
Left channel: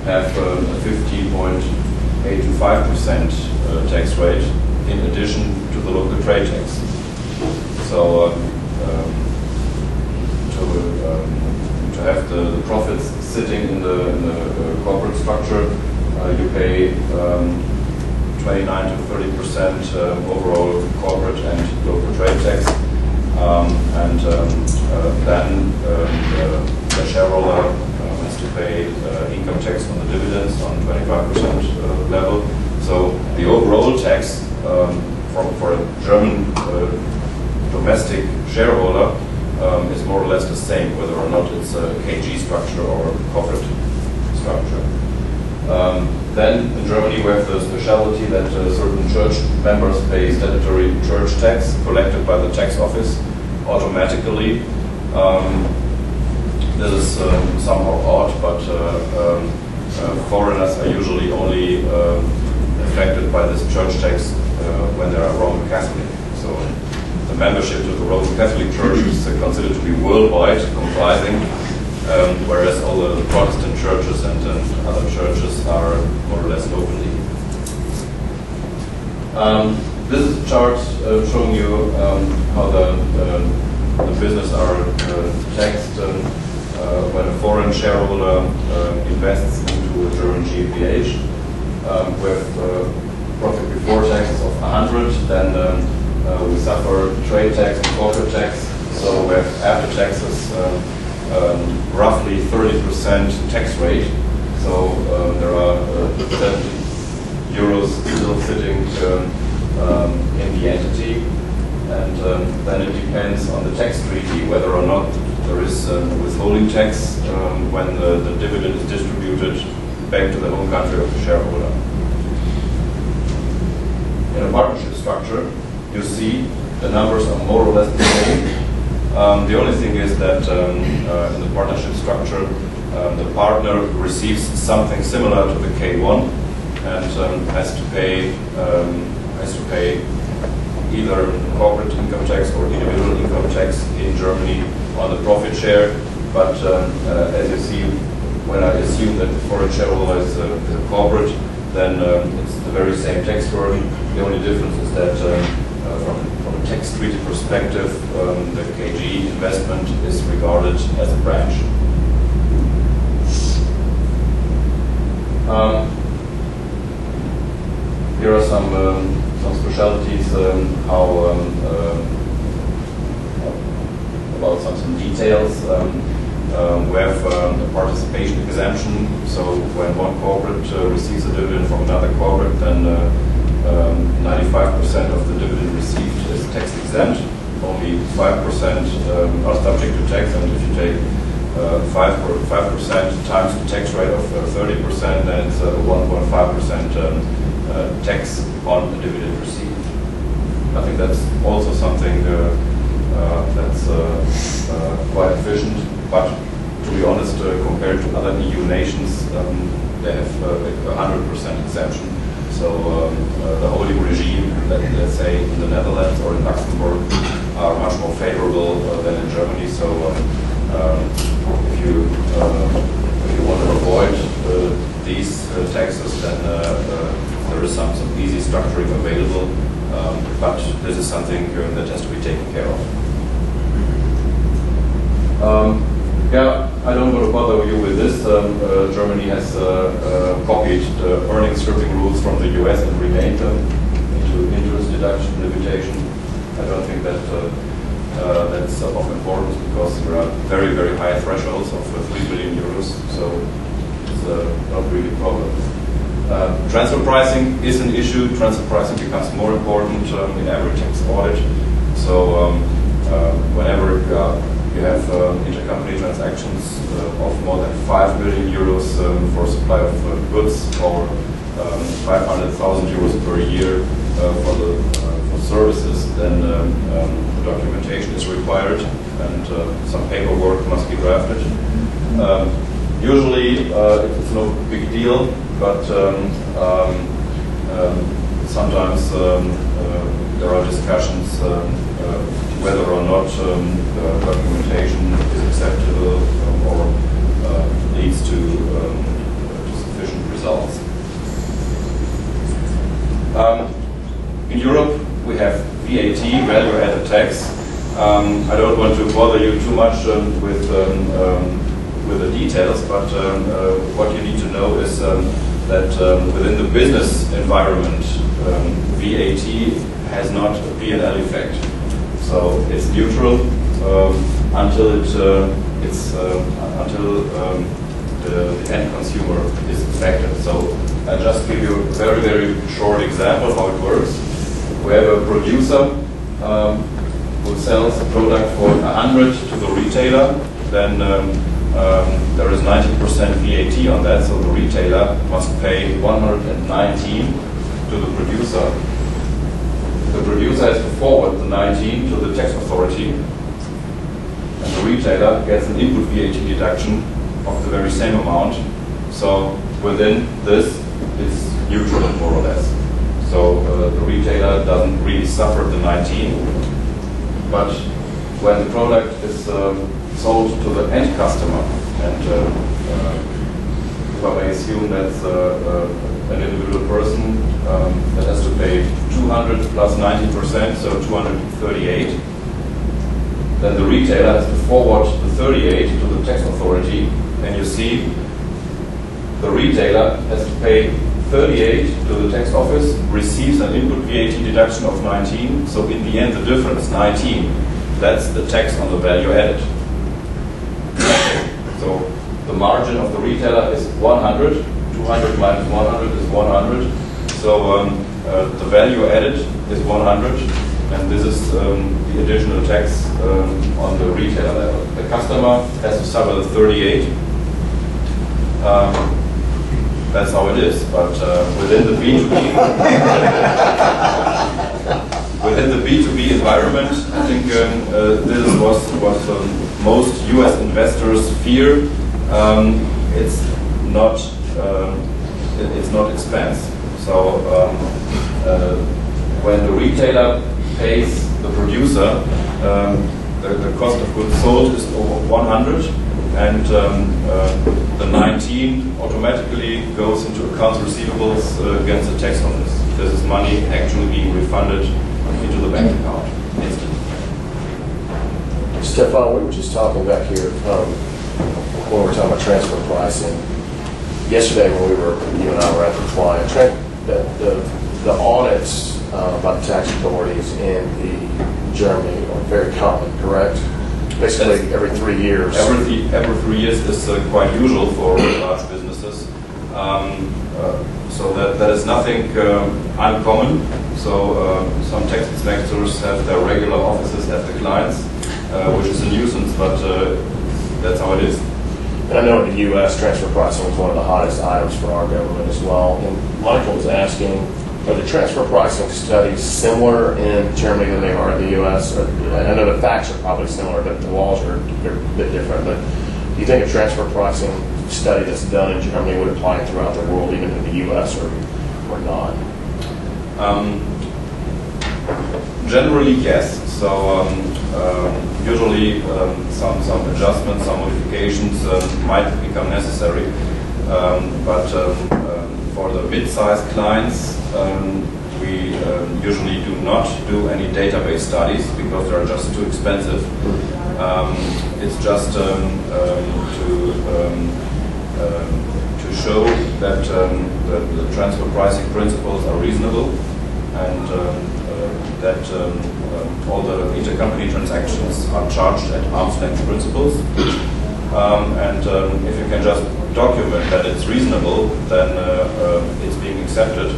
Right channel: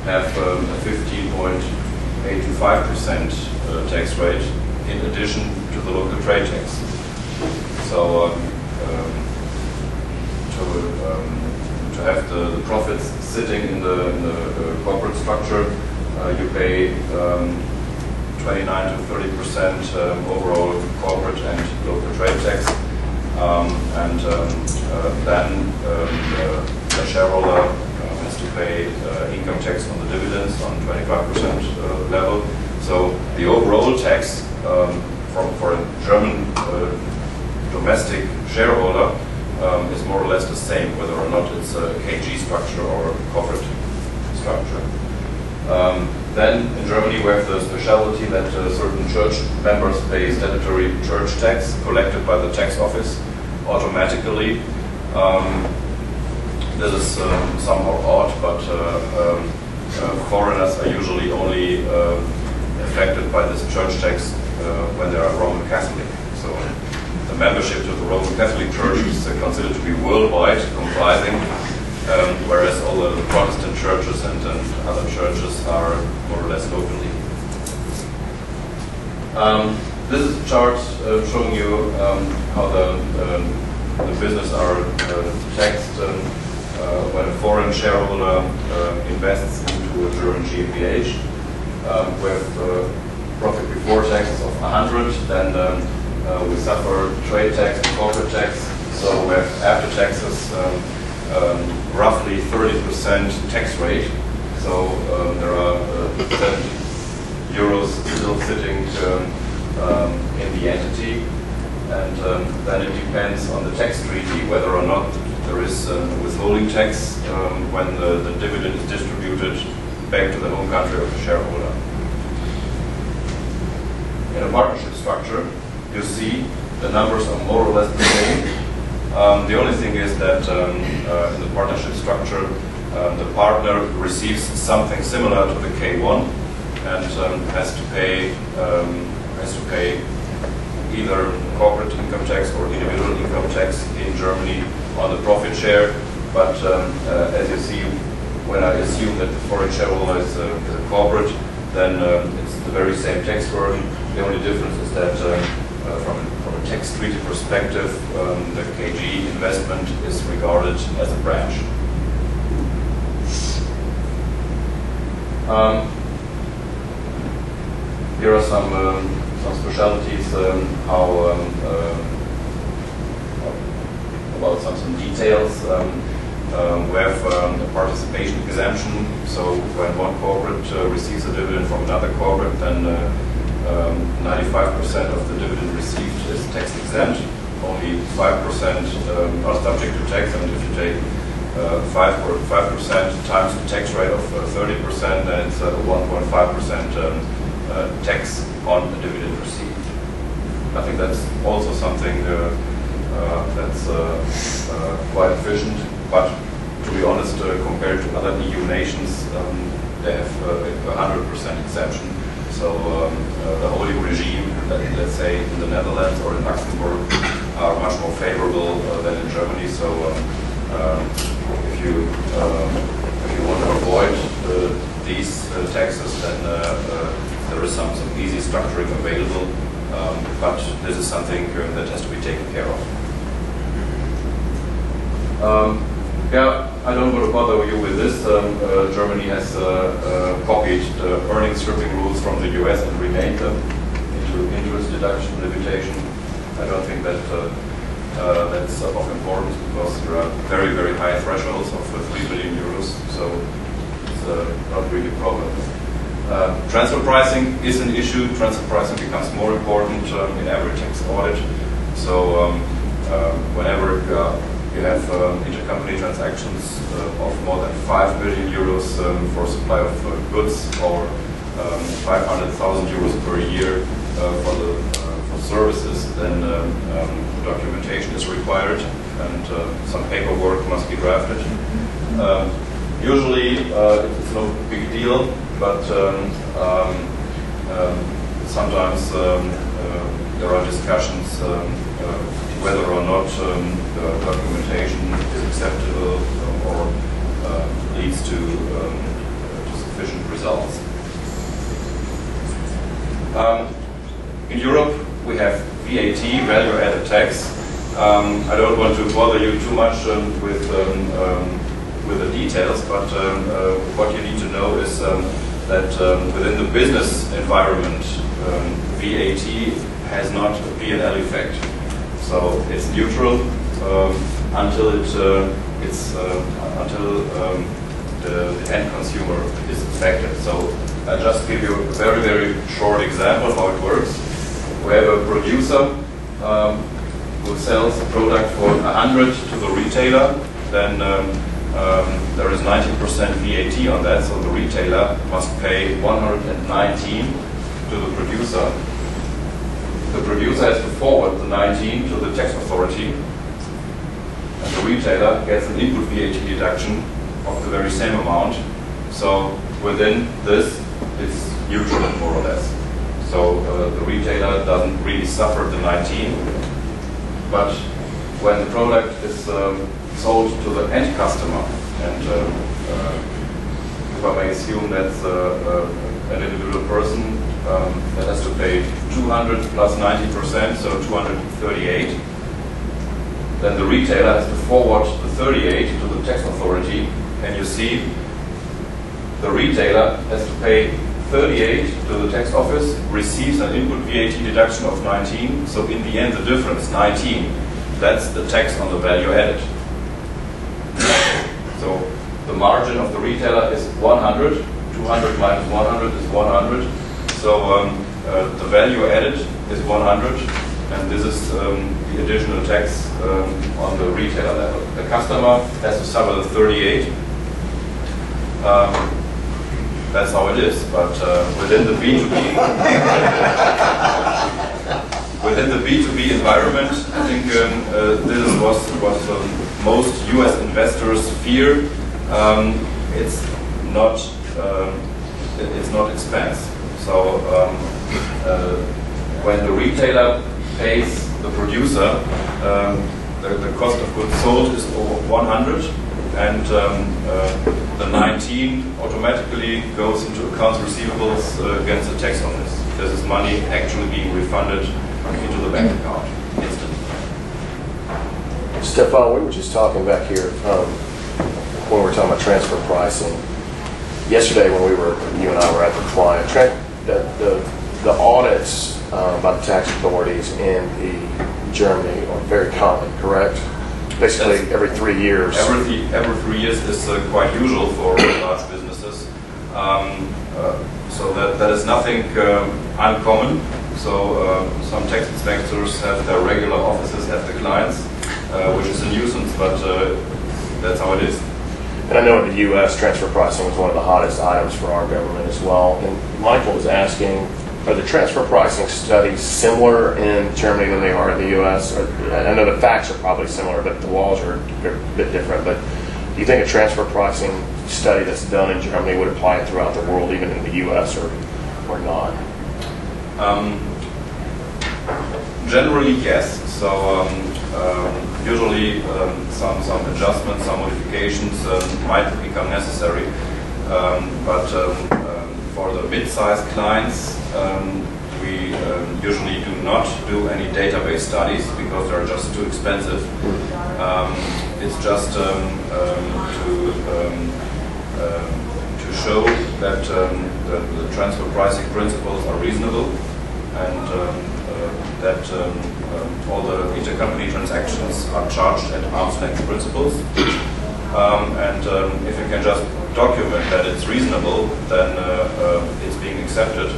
have a 15.85% tax rate in addition to the local trade tax. So to have the profits sitting in the corporate structure, you pay 29 to 30% overall corporate and local trade tax, and then the shareholder has to pay income tax on the dividends on 25% level. So The overall tax for a German domestic shareholder is more or less the same, whether or not it's a KG structure or a corporate structure. Then in Germany we have the specialty that certain church members pay statutory church tax collected by the tax office automatically. This is somehow odd, but foreigners are usually only affected by this church tax when they are Roman Catholic. So the membership to the Roman Catholic Church is considered to be worldwide, comprising, whereas all the Protestant churches and other churches are more or less locally. This is a chart showing you how the business are taxed when a foreign shareholder invests into a German GmbH. With profit before taxes of 100, then we suffer trade tax and corporate tax. So we have after taxes roughly 30% tax rate. So there are 70 euros still sitting in the entity, and then it depends on the tax treaty whether or not there is withholding tax when the dividend is distributed back to the home country of the shareholder. In a partnership structure, you see the numbers are more or less the same. The only thing is that in the partnership structure, the partner receives something similar to the K1 and has to pay either corporate income tax or individual income tax in Germany on the profit share. But as you see, when I assume that the foreign shareholder is a corporate, then it's the very same tax burden. The only difference is that from a tax treaty perspective, the KG investment is regarded as a branch. Here are some specialties, about some details. We have a participation exemption, so when one corporate receives a dividend from another corporate, then 95% of the dividend received is tax exempt. Only 5% are subject to tax, and if you take 5% times the tax rate of 30%, then it's 1.5% tax on the dividend received. I think that's also something that's quite efficient, but to be honest, compared to other EU nations, they have 100% exemption. So the holding regime, let's say in the Netherlands or in Luxembourg, are much more favorable than in Germany. So if you want to avoid these taxes, then there is some easy structuring available. But this is something that has to be taken care of. Yeah, I don't want to bother you with this. Germany has copied the earnings stripping rules from the US and remade them into interest deduction limitation. I don't think that that's of importance because there are very, very high thresholds of 3 billion euros, so it's not really a problem. Transfer pricing is an issue. Transfer pricing becomes more important in every tax audit. So whenever you have intercompany transactions of more than 5 billion euros for supply of goods, or 500,000 euros per year for services, then documentation is required and some paperwork must be drafted. Usually it's no big deal, but sometimes there are discussions whether or not documentation is acceptable or leads to sufficient results. In Europe, we have VAT, value-added tax. I don't want to bother you too much with the details, but what you need to know is that within the business environment, VAT has not a P&L effect. So it's neutral until the end consumer is affected. So I'll just give you a very, very short example how it works. We have a producer who sells a product for 100 to the retailer, then there is 19% VAT on that, so the retailer must pay 119 to the producer. The producer has to forward the 19 to the tax authority, and the retailer gets an input VAT deduction of the very same amount. So within this, it's neutral more or less. So the retailer doesn't really suffer the 19, but when the product is sold to the end customer, and if I may assume that's an individual person that has to pay 200 plus 19%, so 238, then the retailer has to forward the 38 to the tax authority, and you see the retailer has to pay 38 to the tax office, receives an input VAT deduction of 19, so in the end the difference, 19, that's the tax on the value added. So the margin of the retailer is 100, 200 minus 100 is 100, so the value added is 100, and this is the additional tax on the retailer level. The customer has to suffer the 38. That's how it is, but within the B2B within the B2B environment, I think this is what most U.S. investors fear. It's not expense. So when the retailer pays the producer, the cost of goods sold is over 100, and the 19 automatically goes into accounts receivables against the tax office. This is money actually being refunded into the bank account instantly. Stephan, we were just talking back here when we were talking about transfer pricing. Yesterday when you and I were at the client, the audits by the tax authorities in Germany are very common, correct? Basically every 3 years. Every 3 years is quite usual for large businesses. So that is nothing uncommon. So some tax inspectors have their regular offices at the clients, which is a nuisance, but that's how it is. And I know in the U.S. transfer pricing was one of the hottest items for our government as well. And Michael was asking, are the transfer pricing studies similar in Germany than they are in the U.S.? I know the facts are probably similar, but the laws are a bit different. But do you think a transfer pricing study that's done in Germany would apply throughout the world, even in the U.S., or not? Generally, yes. So usually some adjustments, some modifications might become necessary. But for the mid-sized clients, we usually do not do any database studies because they're just too expensive. It's just to show that the transfer pricing principles are reasonable, and that all the intercompany transactions are charged at arm's length principles. And if you can just document that it's reasonable, then it's being accepted.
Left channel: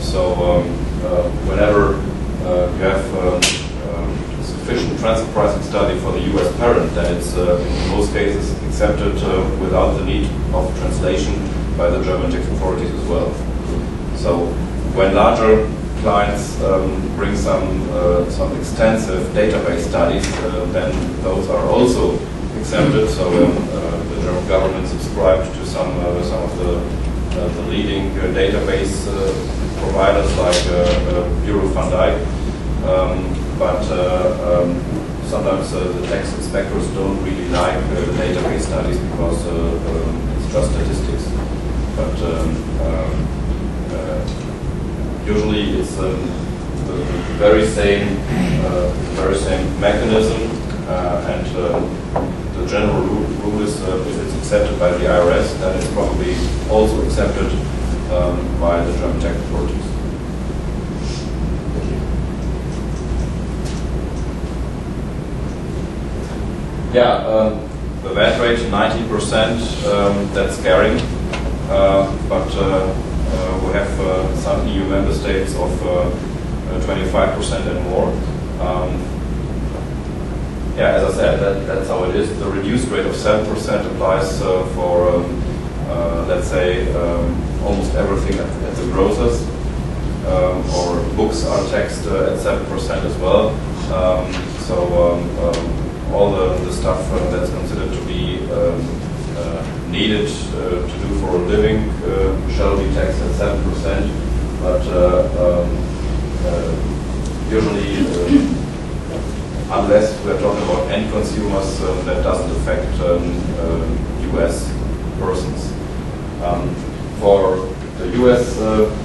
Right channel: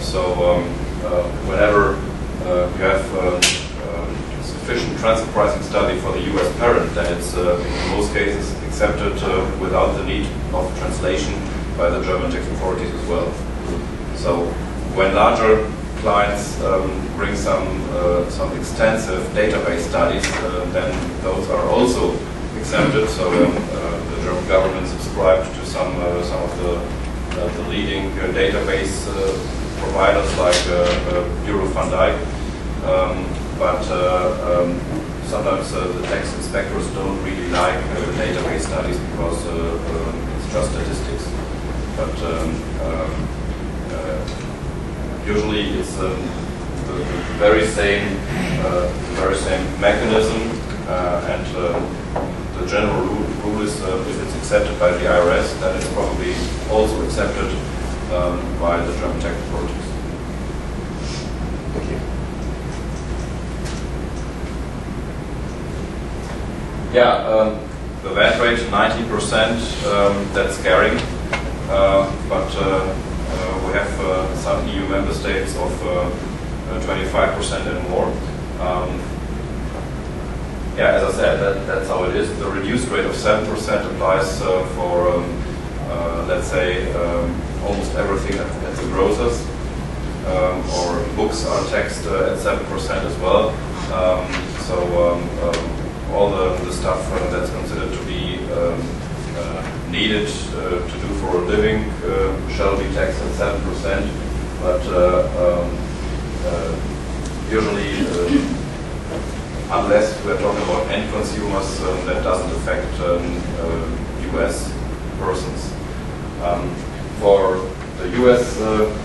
So whenever you have sufficient transfer pricing study for the U.S. parent, then it's in most cases accepted without the need of translation by the German tax authorities as well. So when larger clients bring some extensive database studies, then those are also accepted. So the German government subscribed to some of the leading database providers like Bureau van Dijk, but sometimes the tax inspectors don't really like database studies because it's just statistics. But usually it's the very same mechanism, and the general rule is if it's accepted by the IRS, then it's probably also accepted by the German tax authorities. Thank you. Yeah, the VAT rate 19%, that's scary, but we have some EU member states of 25% and more. Yeah, as I said, that's how it is. The reduced rate of 7% applies for, let's say, almost everything at the grocers, or books are taxed at 7% as well. All the stuff that's considered to be needed to do for a living shall be taxed at 7%, but usually, unless we're talking about end consumers, that doesn't affect US persons. For the US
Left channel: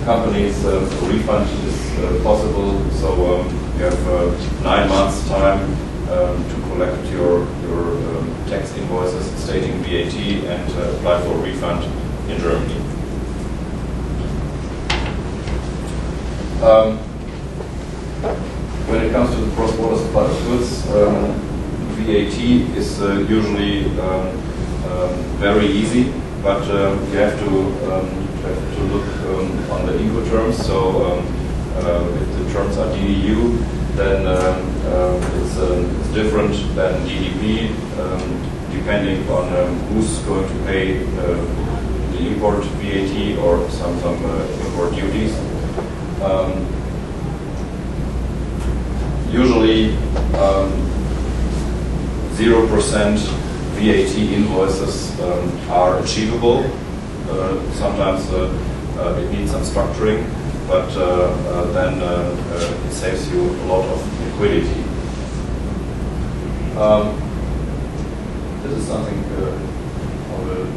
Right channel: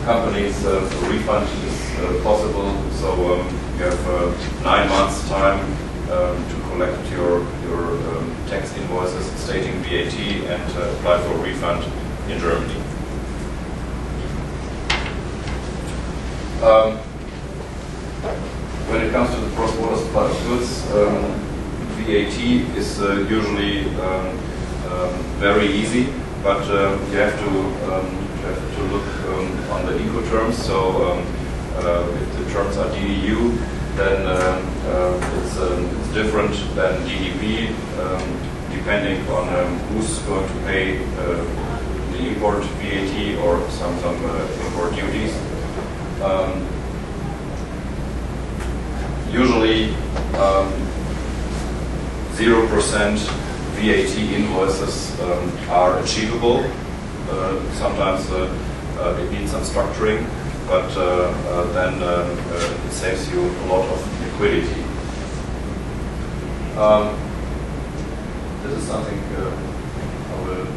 companies, a refund is possible, so you have 9 months time to collect your tax invoices stating VAT and apply for a refund in Germany. When it comes to the cross-border supply of goods, VAT is usually very easy, but you have to look on the Incoterms. So if the terms are DDU, then it's different than DDP, depending on who's going to pay the import VAT or some import duties. Usually 0% VAT invoices are achievable. Sometimes it needs some structuring, but then it saves you a lot of liquidity. This is something I will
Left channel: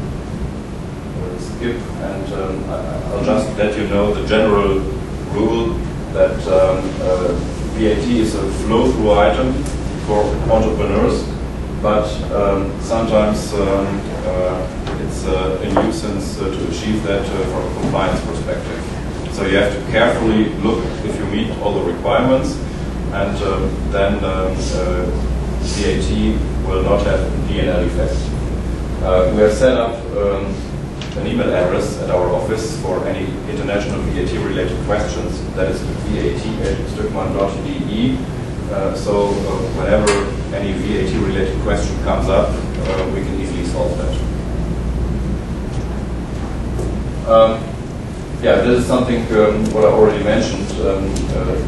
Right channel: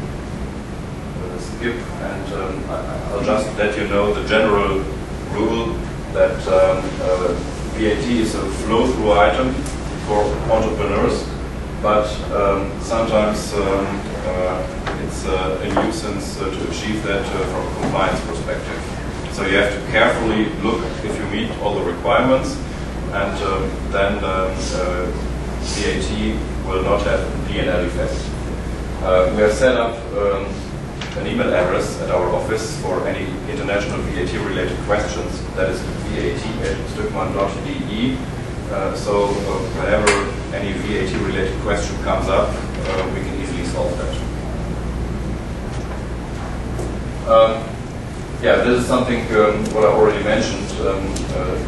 skip, and I'll just let you know the general rule that VAT is a flow-through item for entrepreneurs, but sometimes it's a nuisance to achieve that from a compliance perspective. So you have to carefully look if you meet all the requirements, and then VAT will not have a P&L effect. We have set up an email address at our office for any international VAT-related questions. That is vat@stückmann.de. So whenever any VAT-related question comes up, we can easily solve that. Yeah, this is something what I already mentioned.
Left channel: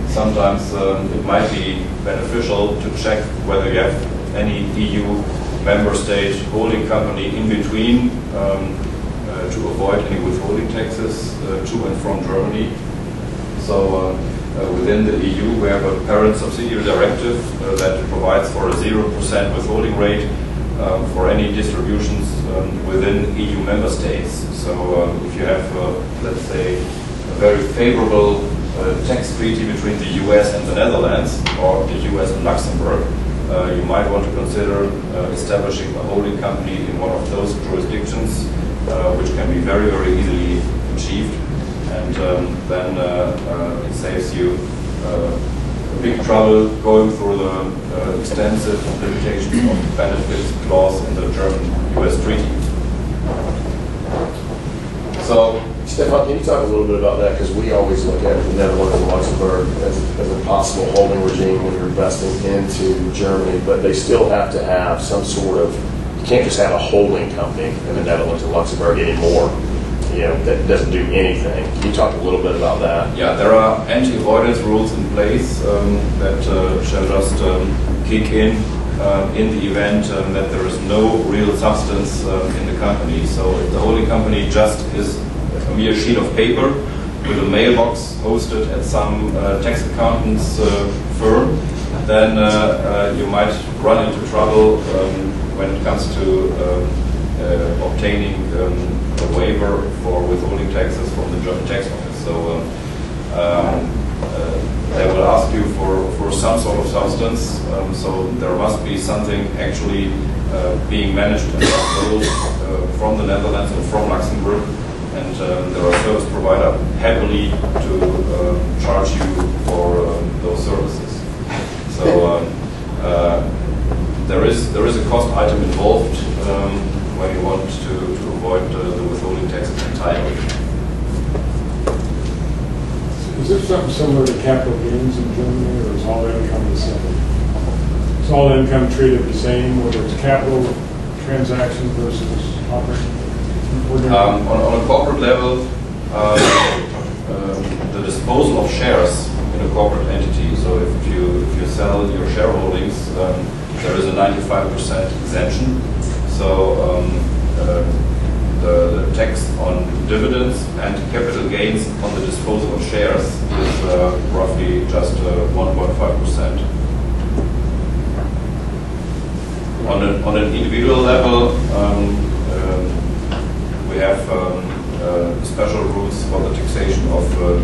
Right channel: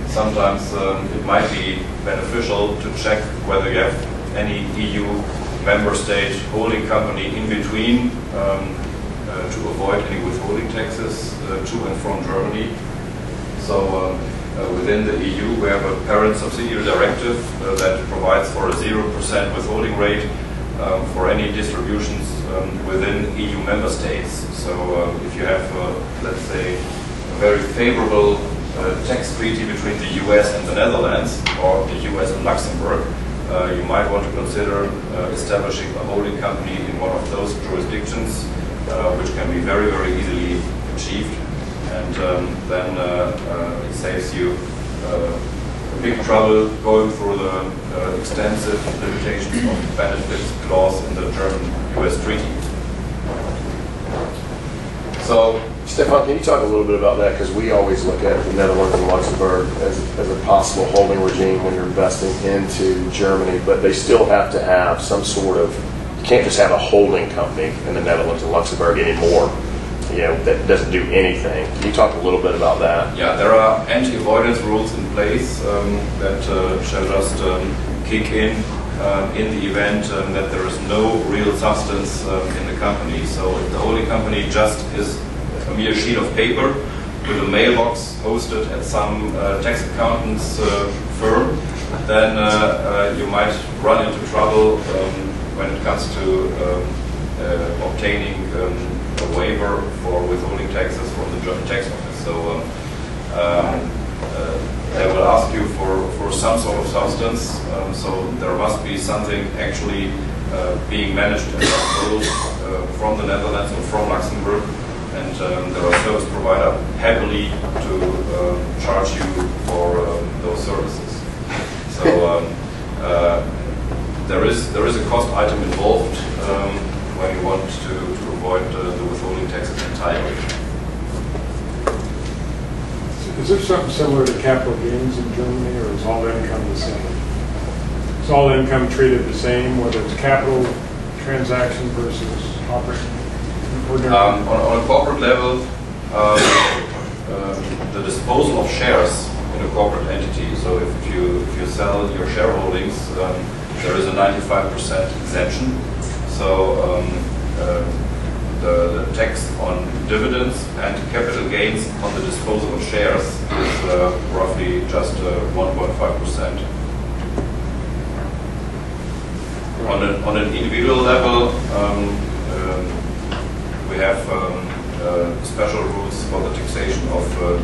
Sometimes it might be beneficial to check whether you have any EU member state holding company in between to avoid any withholding taxes to and from Germany. So within the EU, we have a parent subsidiary directive that provides for a 0% withholding rate for any distributions within EU member states. So if you have, let's say, a very favorable tax treaty between the US and the Netherlands, or the US and Luxembourg, you might want to consider establishing a holding company in one of those jurisdictions, which can be very, very easily achieved. And then it saves you big trouble going through the extensive limitations of benefits clause in the German-US treaty. So, Stephan, can you talk a little bit about that? Because we always look at the Netherlands and Luxembourg as a possible holding regime when you're investing into Germany, but they still have to have some sort of, you can't just have a holding company in the Netherlands and Luxembourg anymore, that doesn't do anything. Can you talk a little bit about that? Yeah, there are anti-avoidance rules in place that shall just kick in the event that there is no real substance in the company. So if the holding company just is a mere sheet of paper with a mailbox hosted at some tax accountant's firm, then you might run into trouble when it comes to obtaining a waiver for withholding taxes from the German tax office. So they will ask you for some sort of substance. So there must be something actually being managed and controlled from the Netherlands or from Luxembourg. And there are service providers happily to charge you for those services. So there is a cost item involved when you want to avoid the withholding taxes entirely. Is there something similar to capital gains in Germany, or is all income the same? Is all income treated the same, whether it's capital transaction versus operating? On a corporate level, the disposal of shares in a corporate entity, so if you sell your shareholdings, there is a 95% exemption. So the tax on dividends and capital gains on the disposal of shares is roughly just 1.5%. On an individual level, we have special rules for the taxation of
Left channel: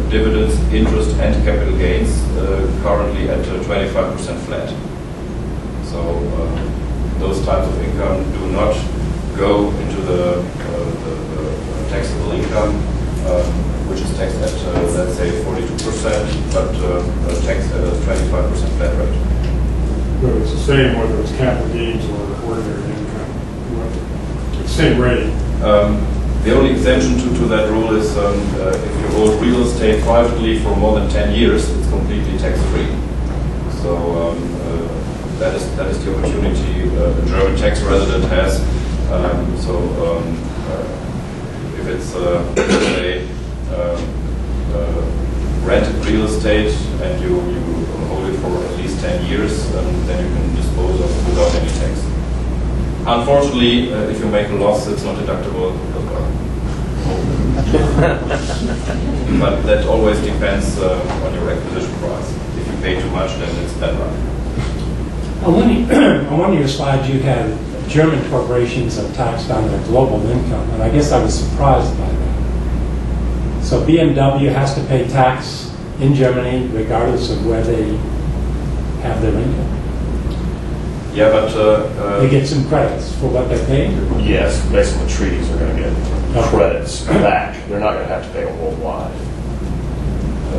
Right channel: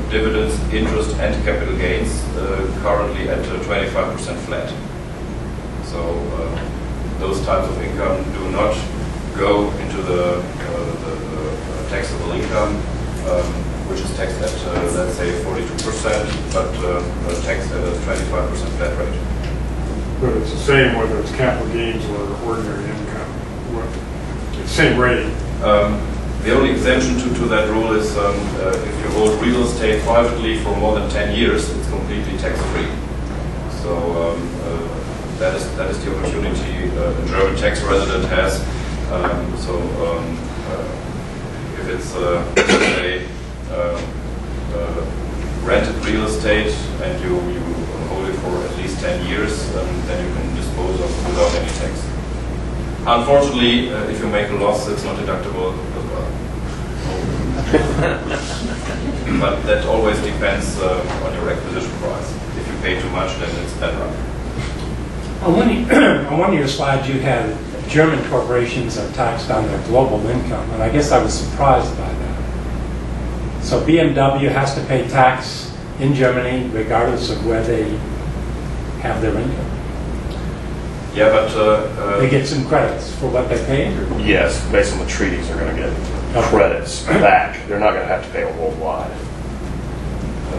dividends, interest, and capital gains, currently at 25% flat. So those types of income do not go into the taxable income, which is taxed at, let's say, 42%, but taxed at a 25% flat rate. But it's the same whether it's capital gains or ordinary income. It's the same rate. The only exemption to that rule is if you hold real estate privately for more than 10 years, it's completely tax-free. So that is the opportunity a German tax resident has. If it's a rented real estate and you hold it for at least 10 years, then you can dispose of it without any tax. Unfortunately, if you make a loss, it's not deductible. But that always depends on your acquisition price. If you pay too much, then it's better. On one of your slides, you had German corporations are taxed on their global income, and I guess I was surprised by that. So BMW has to pay tax in Germany regardless of where they have their income. Yeah, but They get some credits for what they paid? Or? Yes, based on the treaties, they're going to get credits back. They're not going to have to pay them worldwide.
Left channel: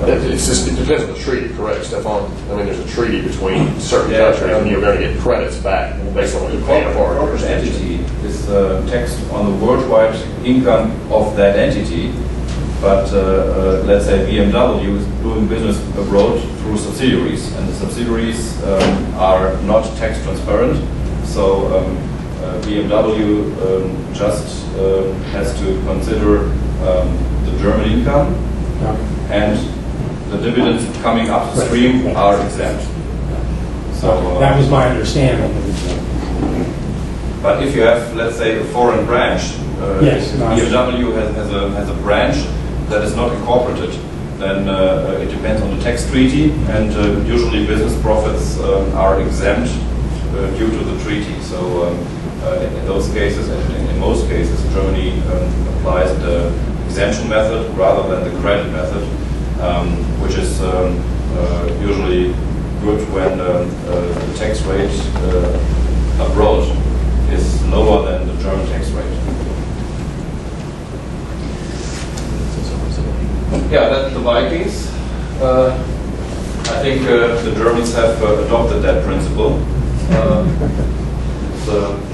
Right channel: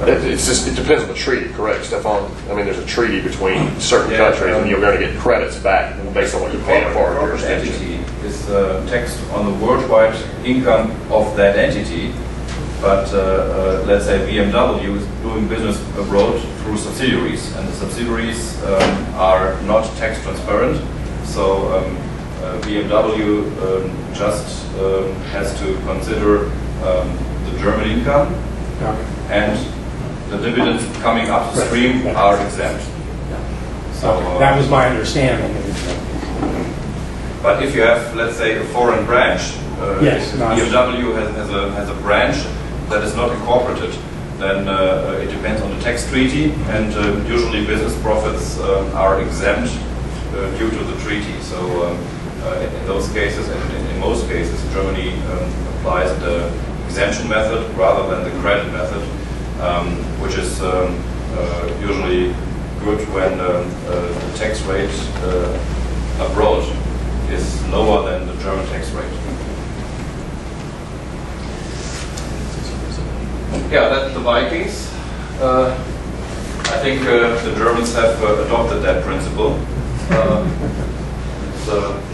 It depends on the treaty, correct, Stephan? I mean, there's a treaty between certain countries, and you're going to get credits back based on what you pay for. The corporate entity is taxed on the worldwide income of that entity, but let's say BMW is doing business abroad through subsidiaries, and the subsidiaries are not tax transparent. So BMW just has to consider the German income, and the dividends coming upstream are exempt. So that was my understanding. But if you have, let's say, a foreign branch, Yes, BMW has a branch that is not incorporated, then it depends on the tax treaty, and usually business profits are exempt due to the treaty. So in those cases, and in most cases, Germany applies the exemption method rather than the credit method, which is usually good when the tax rate abroad is lower than the German tax rate. Yeah, that's the Vikings. I think the Germans have adopted that principle.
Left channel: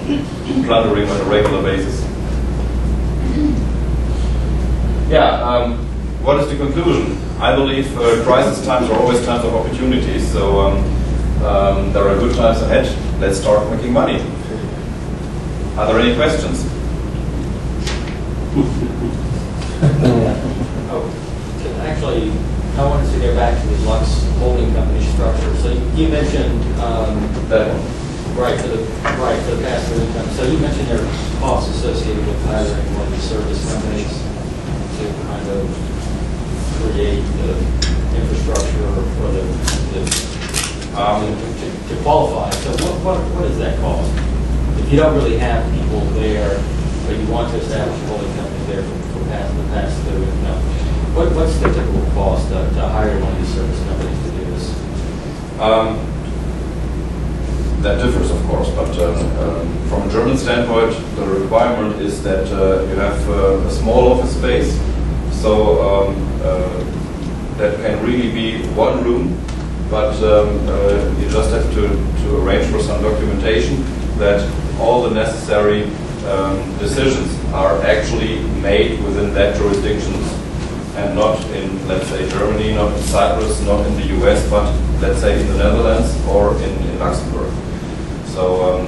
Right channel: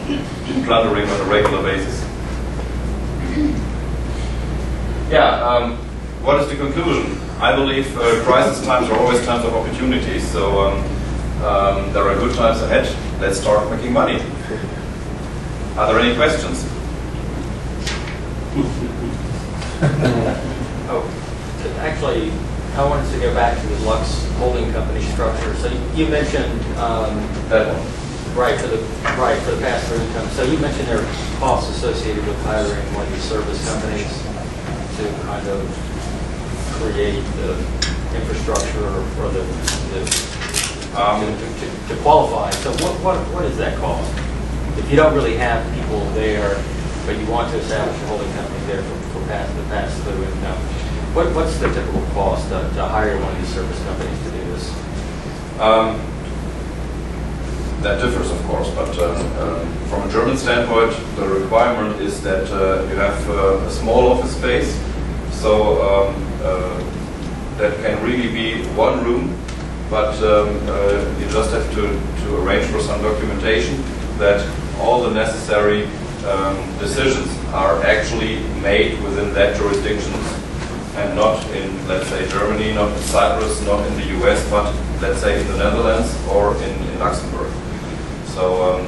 It's plundering on a regular basis. Yeah, what is the conclusion? I believe crisis times are always times of opportunities, so there are good times ahead. Let's start making money. Are there any questions? Actually, I wanted to go back to the Lux holding company structure. So you mentioned That one. right for the pass-through income. So you mentioned there are costs associated with hiring one of these service companies to kind of create the infrastructure for the to qualify. So what does that cost? If you don't really have people there, but you want to establish a holding company there for the pass-through income, what's the typical cost to hire one of these service companies to do this? That differs, of course, but from a German standpoint, the requirement is that you have a small office space, so that can really be one room, but you just have to arrange for some documentation that all the necessary decisions are actually made within that jurisdictions and not in, let's say, Germany, not in Cyprus, not in the US, but let's say in the Netherlands or in Luxembourg. So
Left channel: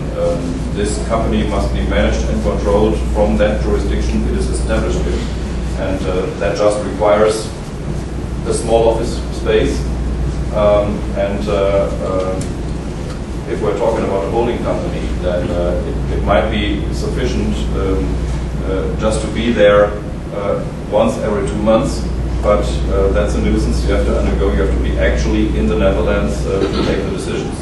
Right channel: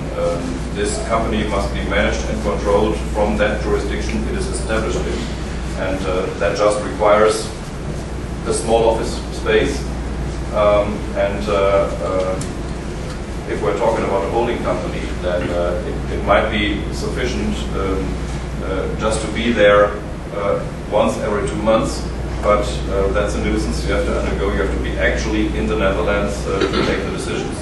this company must be managed and controlled from that jurisdiction it is established in. And that just requires a small office space. If we're talking about a holding company, then it might be sufficient just to be there once every 2 months, but that's a nuisance you have to undergo. You have to be actually in the Netherlands to take the decisions.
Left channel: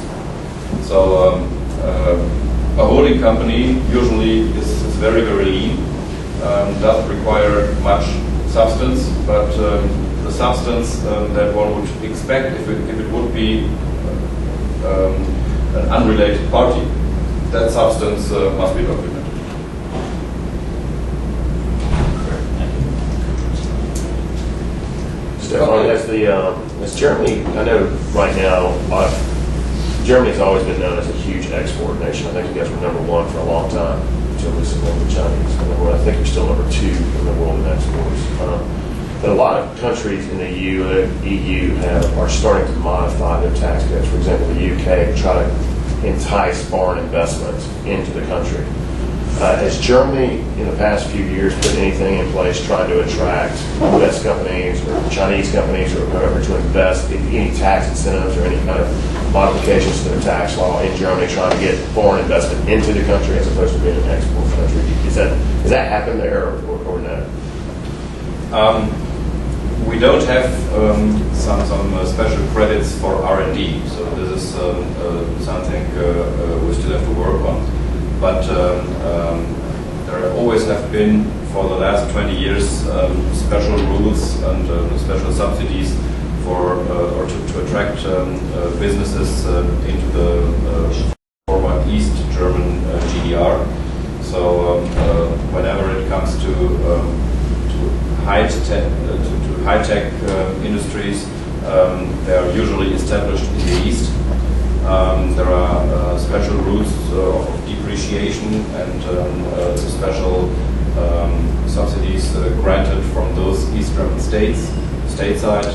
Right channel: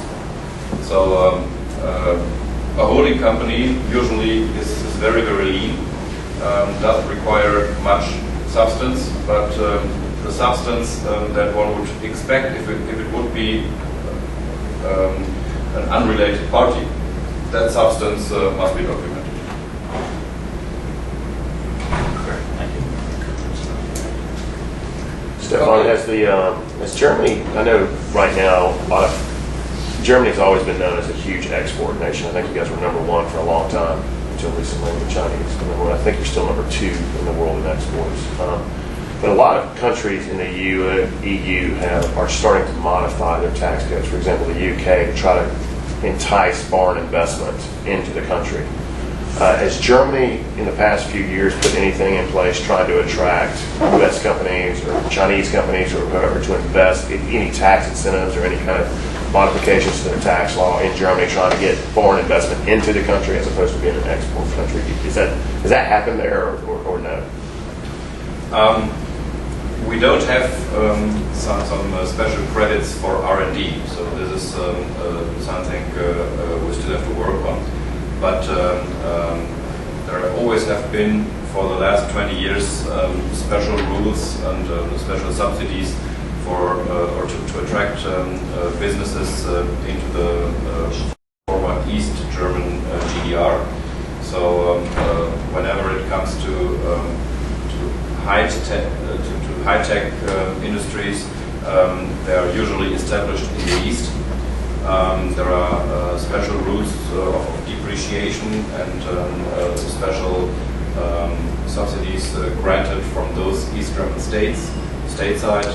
So a holding company usually is very, very lean, doesn't require much substance, but the substance that one would expect if it would be an unrelated party, that substance must be documented. Stephan, has Germany, I know right now, Germany's always been known as a huge export nation. I think you guys were #1 for a long time, until recently the Chinese. I think you're still #2 in the world in exports. But a lot of countries in the EU are starting to modify their tax codes. For example, the UK to try to entice foreign investment into the country. Has Germany in the past few years put anything in place trying to attract U.S. companies or Chinese companies or whoever to invest, any tax incentives or any kind of modifications to their tax law in Germany, trying to get foreign investment into the country as opposed to being an export country? Has that happened there or no? We don't have some special credits for R&D, so this is something we still have to work on. But there always have been, for the last 20 years, special rules and special subsidies for or to attract businesses into the former East German GDR. So whenever it comes to high-tech industries, they are usually established in the East. There are special rules of depreciation and special subsidies granted from those East German states, stateside.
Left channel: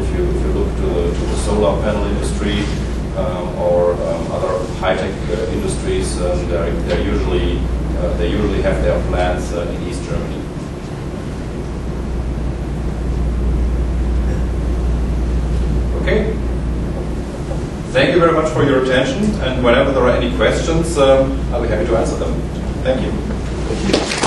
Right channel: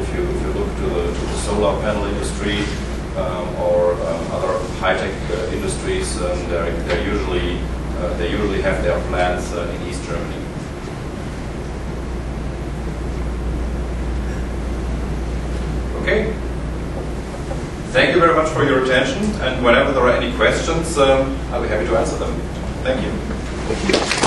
If you look to the solar panel industry or other high-tech industries, they usually have their plants in East Germany. Okay. Thank you very much for your attention, and whenever there are any questions, I'll be happy to answer them. Thank you. Thank you.